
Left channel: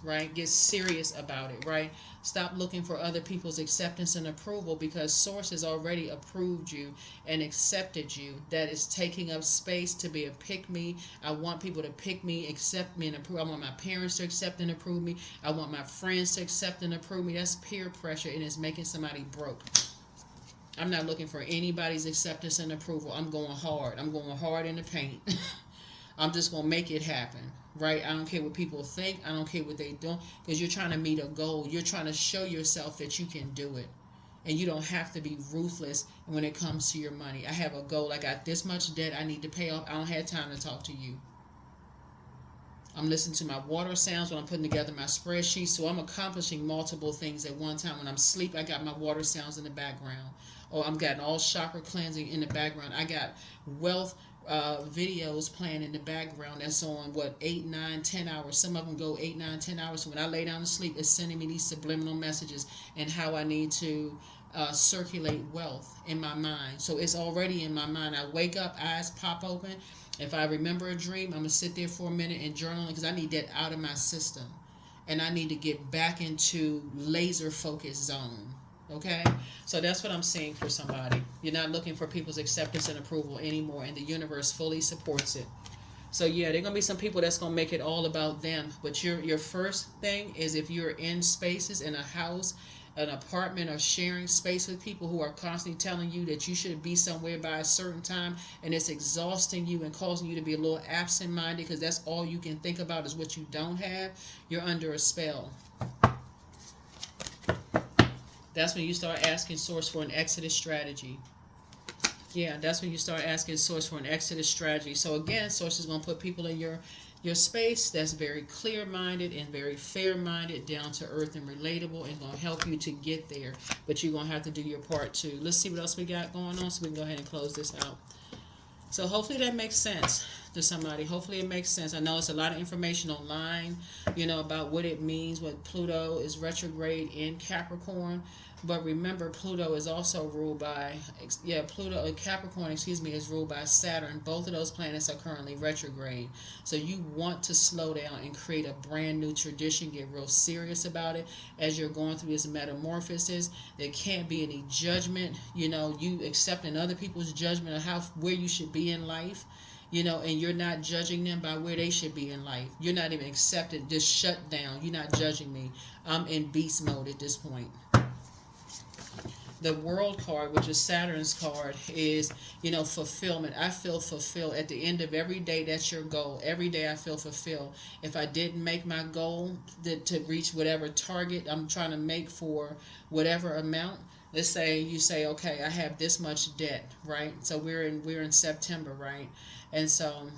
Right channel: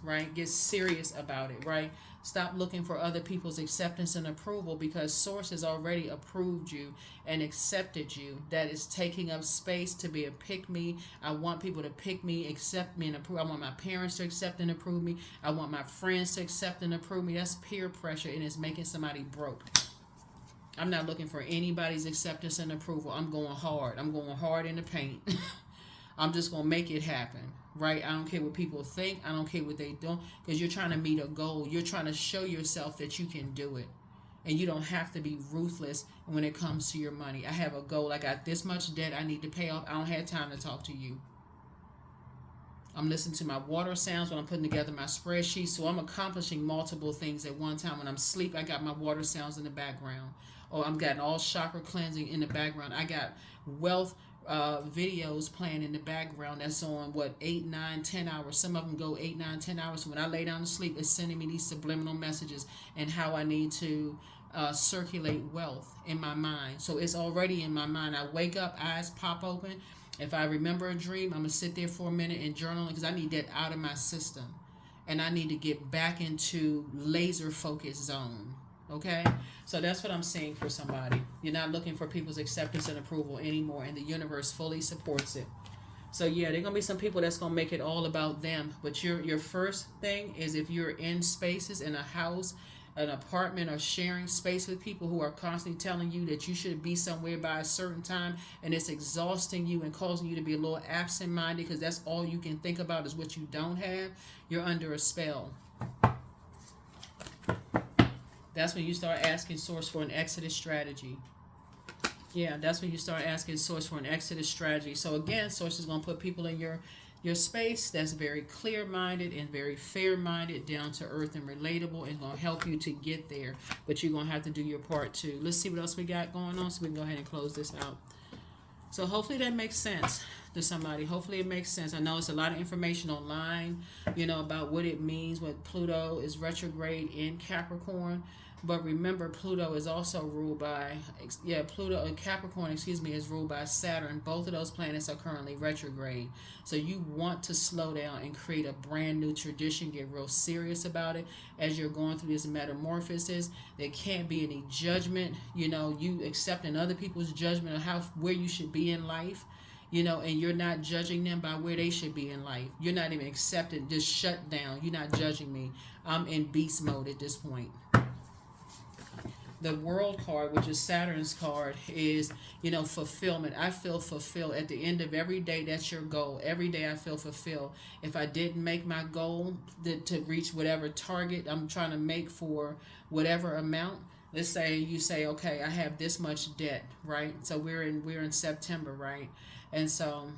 right? Get serious about it, right? Stop looking for other people's acceptance and approval because Source has already approved you and accepted you. That is taking up space to be a pick-me. I want people to pick me, accept me, and approve. I want my parents to accept and approve me. I want my friends to accept and approve me. That's peer pressure, and it's making somebody broke. I'm not looking for anybody's acceptance and approval. I'm going hard. I'm going hard in the paint. I'm just going to make it happen, right? I don't care what people think. I don't care what they do because you're trying to meet a goal. You're trying to show yourself that you can do it. And you don't have to be ruthless when it comes to your money. I have a goal. I got this much debt I need to pay off. I don't have time to talk to you. I'm listening to my water sounds when I'm putting together my spreadsheet. So I'm accomplishing multiple things at one time. When I'm asleep, I got my water sounds in the background. Or I'm getting all chakra cleansing in the background. I got wealth videos playing in the background. That's on 8, 9, 10 hours. Some of them go 8, 9, 10 hours. So when I lay down to sleep, it's sending me these subliminal messages and how I need to circulate wealth in my mind. So it's already in my mind. I wake up, eyes pop open. If I remember a dream, I'm going to sit there for a minute and journal because I need that out of my system. And I need to get back into laser focus zone. Okay? So that's what I'm saying for somebody. You're not looking for people's acceptance and approval anymore, and the universe fully supports it. So yeah, there are going to be some people that's going to make it all about them. But your first thing is if you're in spaces, in a house, an apartment, or sharing space with people who are constantly telling you that you should be somewhere by a certain time, and it's exhausting you and causing you to be a little absent-minded because that's all you can think about is what you don't have, you're under a spell. That's when you start asking Source for an exodus strategy. Yeah, that's when you start asking Source for an exodus strategy. So again, Source is going to put people in your space that's very clear-minded and very fair-minded, down to earth and relatable, and going to help you to get there. But you're going to have to do your part too. Let's see what else we got going on so we can go ahead and close this out. So hopefully that makes sense to somebody. Hopefully it makes sense. I know it's a lot of information online, about what it means when Pluto is retrograde in Capricorn. But remember, Pluto is also ruled by, Capricorn, is ruled by Saturn. Both of those planets are currently retrograde. So you want to slow down and create a brand new tradition, get real serious about it as you're going through this metamorphosis. There can't be any judgment, you accepting other people's judgment of where you should be in life. And you're not judging them by where they should be in life. You're not even accepting, just shut down. You're not judging me. I'm in beast mode at this point. The World card, which is Saturn's card, is, fulfillment. I feel fulfilled. At the end of every day, that's your goal. Every day I feel fulfilled. If I didn't make my goal to reach whatever target I'm trying to make for whatever amount, let's say you say, okay, I have this much debt, right? So we're in September, right? And so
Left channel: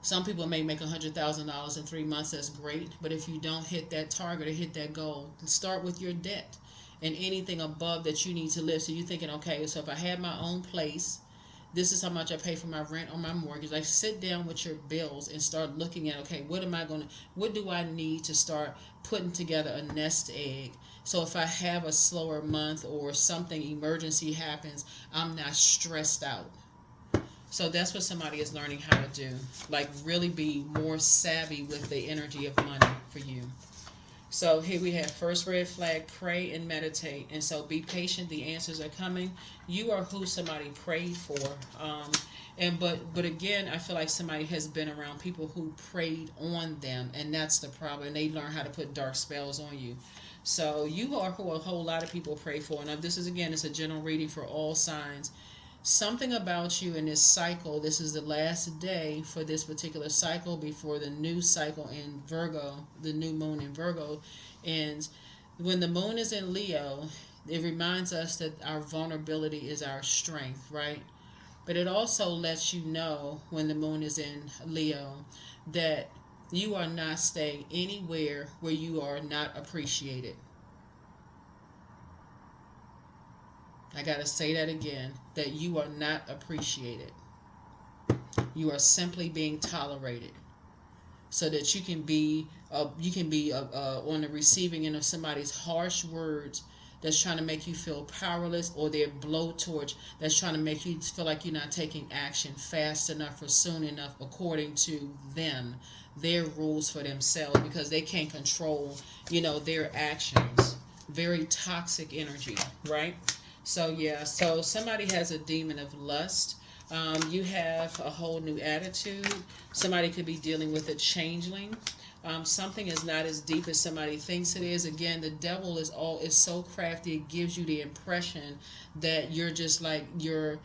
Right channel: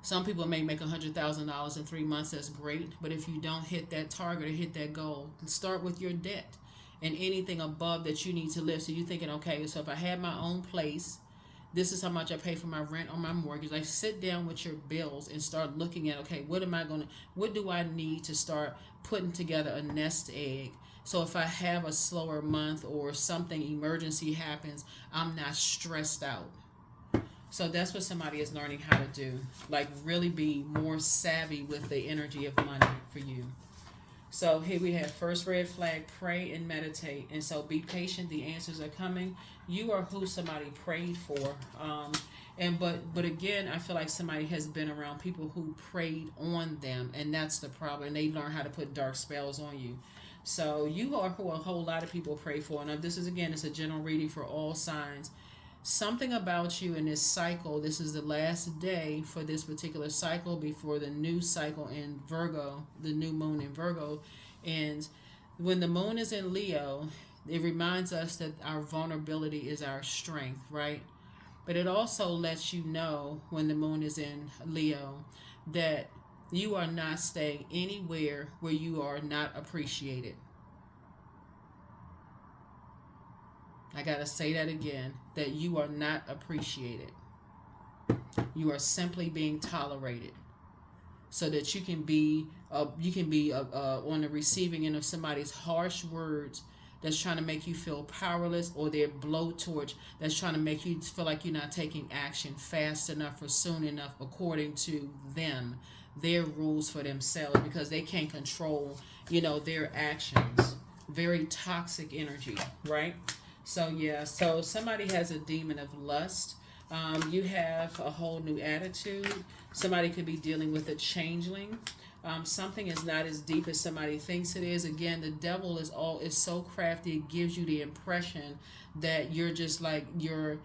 some people may make $100,000 in 3 months. That's great. But if you don't hit that target or hit that goal, start with your debt and anything above that you need to live. So you're thinking, okay, so if I had my own place, this is how much I pay for my rent or my mortgage. Like, sit down with your bills and start looking at, okay, what do I need to start putting together a nest egg? So if I have a slower month or something emergency happens, I'm not stressed out. So that's what somebody is learning how to do. Like, really be more savvy with the energy of money for you. So here we have first red flag, pray and meditate. And so be patient. The answers are coming. You are who somebody prayed for. But again, I feel like somebody has been around people who prayed on them. And that's the problem. And they learn how to put dark spells on you. So you are who a whole lot of people pray for. Now this is, again, it's a general reading for all signs. something about you in this cycle, this is the last day for this particular cycle before the new cycle in Virgo, the new moon in Virgo. And when the moon is in Leo, it reminds us that our vulnerability is our strength, right? But it also lets you know when the moon is in Leo that you are not staying anywhere where you are not appreciated. I got to say that again, that you are not appreciated. You are simply being tolerated so that you can be on the receiving end of somebody's harsh words that's trying to make you feel powerless, or their blowtorch that's trying to make you feel like you're not taking action fast enough or soon enough according to them, their rules for themselves, because they can't control, their actions. Very toxic energy, right? So yeah, so somebody has a demon of lust. You have a whole new attitude. Somebody could be dealing with a changeling. Something is not as deep as somebody thinks it is. Again, the devil is so crafty. It gives you the impression that you're just like, your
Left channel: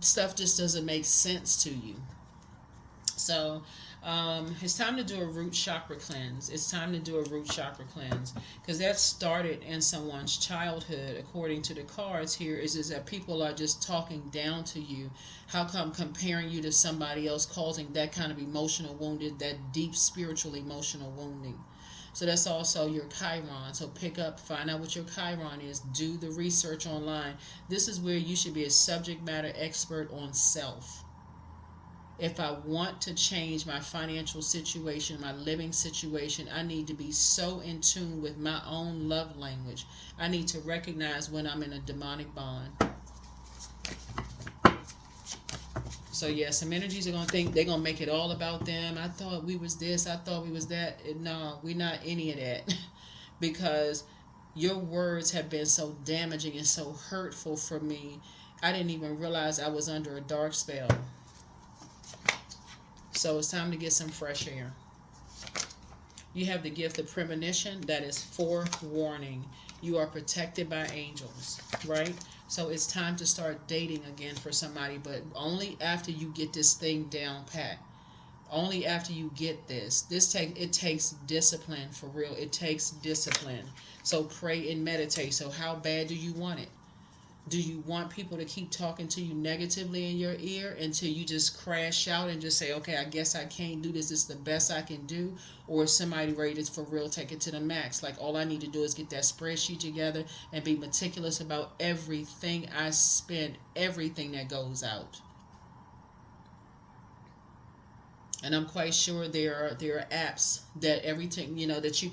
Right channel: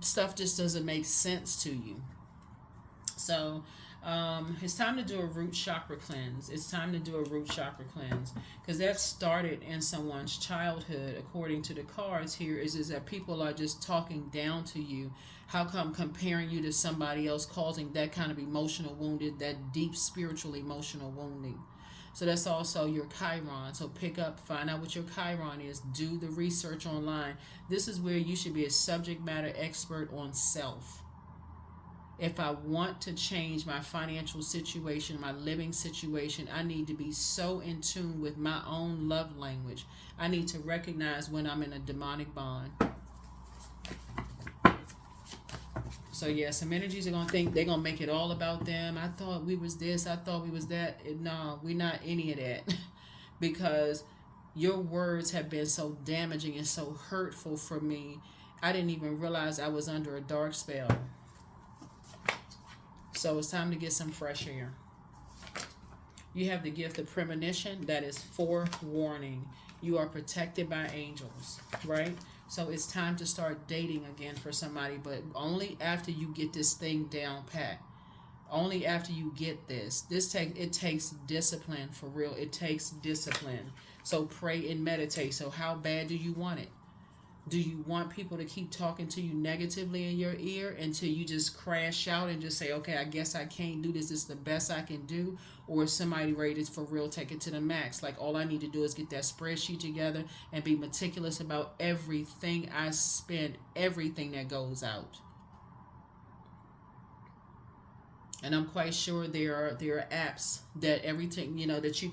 stuff just doesn't make sense to you. So it's time to do a root chakra cleanse. It's time to do a root chakra cleanse, because that started in someone's childhood. According to the cards here, is that people are just talking down to you. How come comparing you to somebody else, causing that kind of emotional wounded, that deep spiritual emotional wounding? So that's also your Chiron. So pick up, find out what your Chiron is. Do the research online. This is where you should be a subject matter expert on self. If I want to change my financial situation, my living situation, I need to be so in tune with my own love language. I need to recognize when I'm in a demonic bond. So yeah, some energies are going to think they're going to make it all about them. I thought we was this. I thought we was that. No, we're not any of that. Because your words have been so damaging and so hurtful for me. I didn't even realize I was under a dark spell. So it's time to get some fresh air. You have the gift of premonition. That is forewarning. You are protected by angels, right? So it's time to start dating again for somebody, but only after you get this thing down pat. Only after you get this. It takes discipline, for real. It takes discipline. So pray and meditate. So how bad do you want it? Do you want people to keep talking to you negatively in your ear until you just crash out and just say, okay, I guess I can't do this. This is the best I can do? Or is somebody ready to, for real, take it to the max? Like, all I need to do is get that spreadsheet together and be meticulous about everything I spend, everything that goes out. And I'm quite sure there are apps that everything, that you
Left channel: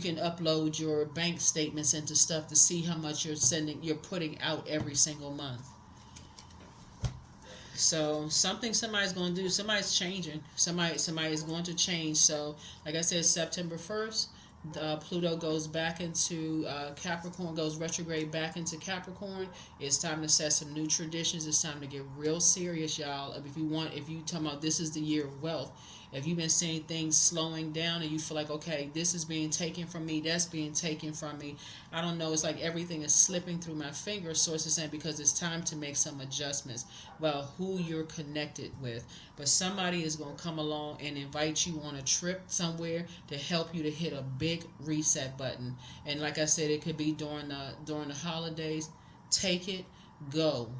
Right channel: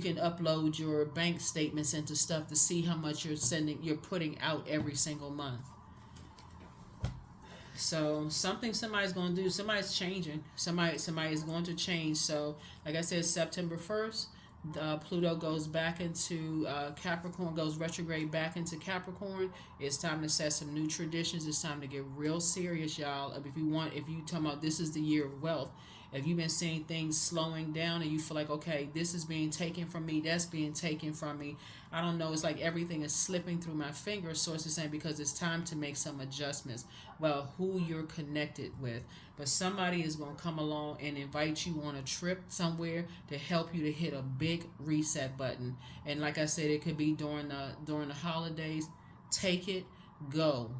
can upload your bank statements into stuff to see how much you're putting out every single month. So somebody's going to do. Somebody's changing. Somebody is going to change. So like I said, September 1st, Pluto goes back into Capricorn, goes retrograde back into Capricorn. It's time to set some new traditions. It's time to get real serious, y'all. If you talking about this is the year of wealth, if you've been seeing things slowing down and you feel like, okay, this is being taken from me, that's being taken from me, I don't know, it's like everything is slipping through my fingers, source is saying, because it's time to make some adjustments about who you're connected with. But somebody is going to come along and invite you on a trip somewhere to help you to hit a big reset button. And like I said, it could be during the holidays. Take it, go,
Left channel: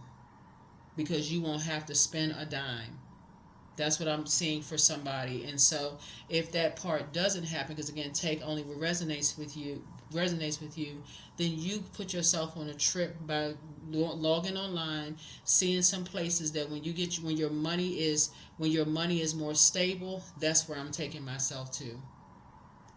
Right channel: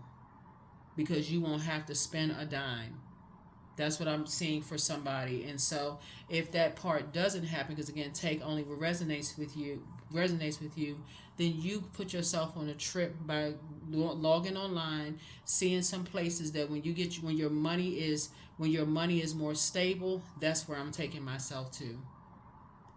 because you won't have to spend a dime. That's what I'm seeing for somebody. And so if that part doesn't happen, because again, take only what resonates with you, then you put yourself on a trip by logging online, seeing some places that when your money is more stable, that's where I'm taking myself to.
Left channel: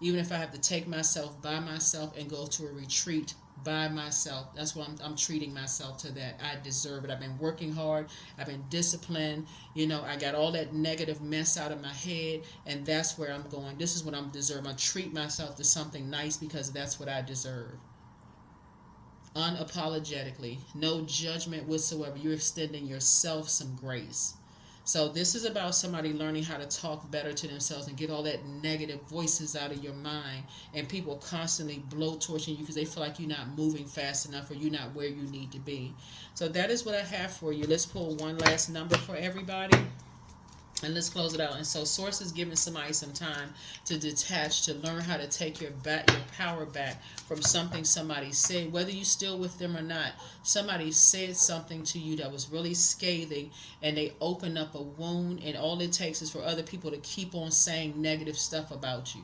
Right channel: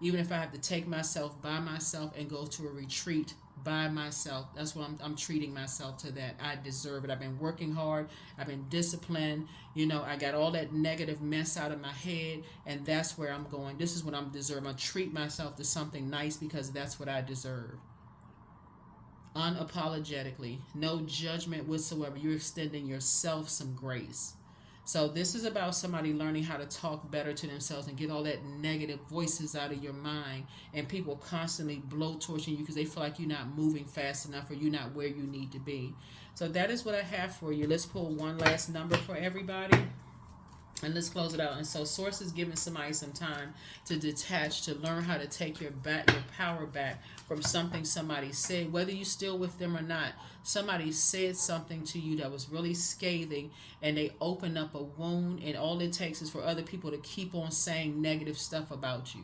Even if I have to take myself by myself and go to a retreat by myself, that's what I'm treating myself to that. I deserve it. I've been working hard. I've been disciplined. I got all that negative mess out of my head, and that's where I'm going. This is what I'm deserving. I treat myself to something nice because that's what I deserve. Unapologetically, no judgment whatsoever. You're extending yourself some grace. So this is about somebody learning how to talk better to themselves and get all that negative voices out of your mind, and people constantly blowtorching you because they feel like you're not moving fast enough or you're not where you need to be. So that is what I have for you. Let's pull one last number for everybody. And let's close it out. And so Source is giving somebody some time to detach, to learn how to take your power back from something somebody said, whether you still with them or not. Somebody said something to you that was really scathing, and they open up a wound, and all it takes is for other people to keep on saying negative stuff about you.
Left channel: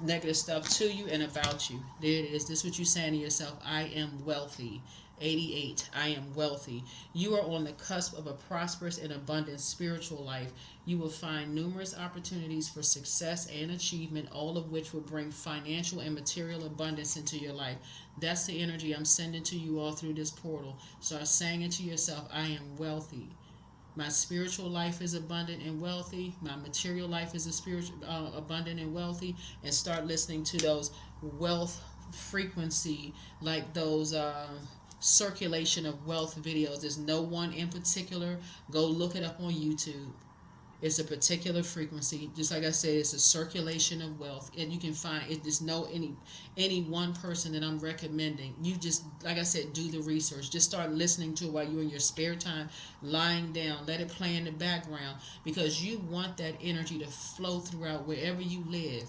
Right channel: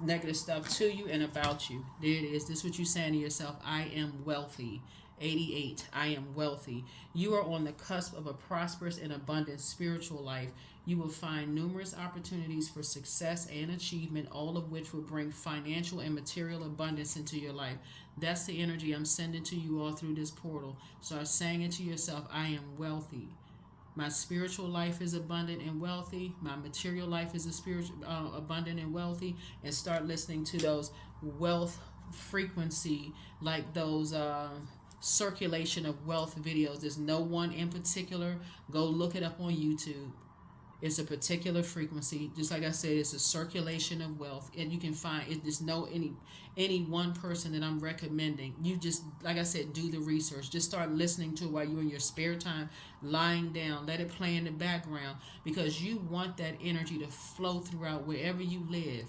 Negative stuff to you and about you. There it is. This is what you're saying to yourself. I am wealthy. 88. I am wealthy. You are on the cusp of a prosperous and abundant spiritual life. You will find numerous opportunities for success and achievement, all of which will bring financial and material abundance into your life. That's the energy I'm sending to you all through this portal. Start saying it to yourself. I am wealthy. My spiritual life is abundant and wealthy. My material life is abundant and wealthy. And start listening to those wealth frequency, like those circulation of wealth videos. There's no one in particular. Go look it up on YouTube. It's a particular frequency. Just like I said, it's a circulation of wealth, and you can find it. There's no any one person that I'm recommending. You just, like I said, do the research. Just start listening to it while you're in your spare time, lying down. Let it play in the background, because you want that energy to flow throughout wherever you live.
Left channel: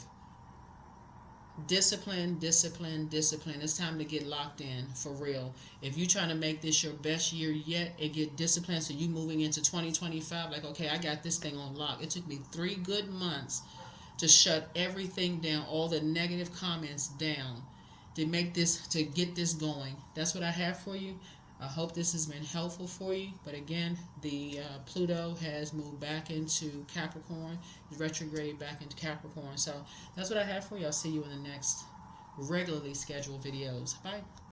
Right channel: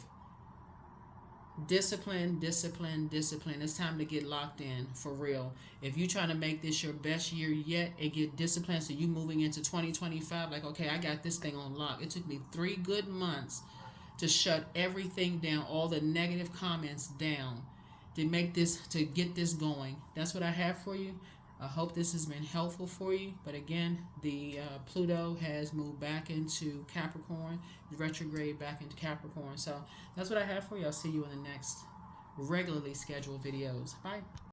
Discipline, discipline, discipline. It's time to get locked in for real. If you're trying to make this your best year yet and get disciplined, so you moving into 2025, like, okay, I got this thing on lock. It took me 3 good months to shut everything down, all the negative comments down, to make this, to get this going. That's what I have for you. I hope this has been helpful for you. But again, the Pluto has moved back into Capricorn, retrograde back into Capricorn. So that's what I have for you. I'll see you in the next regularly scheduled videos. Bye.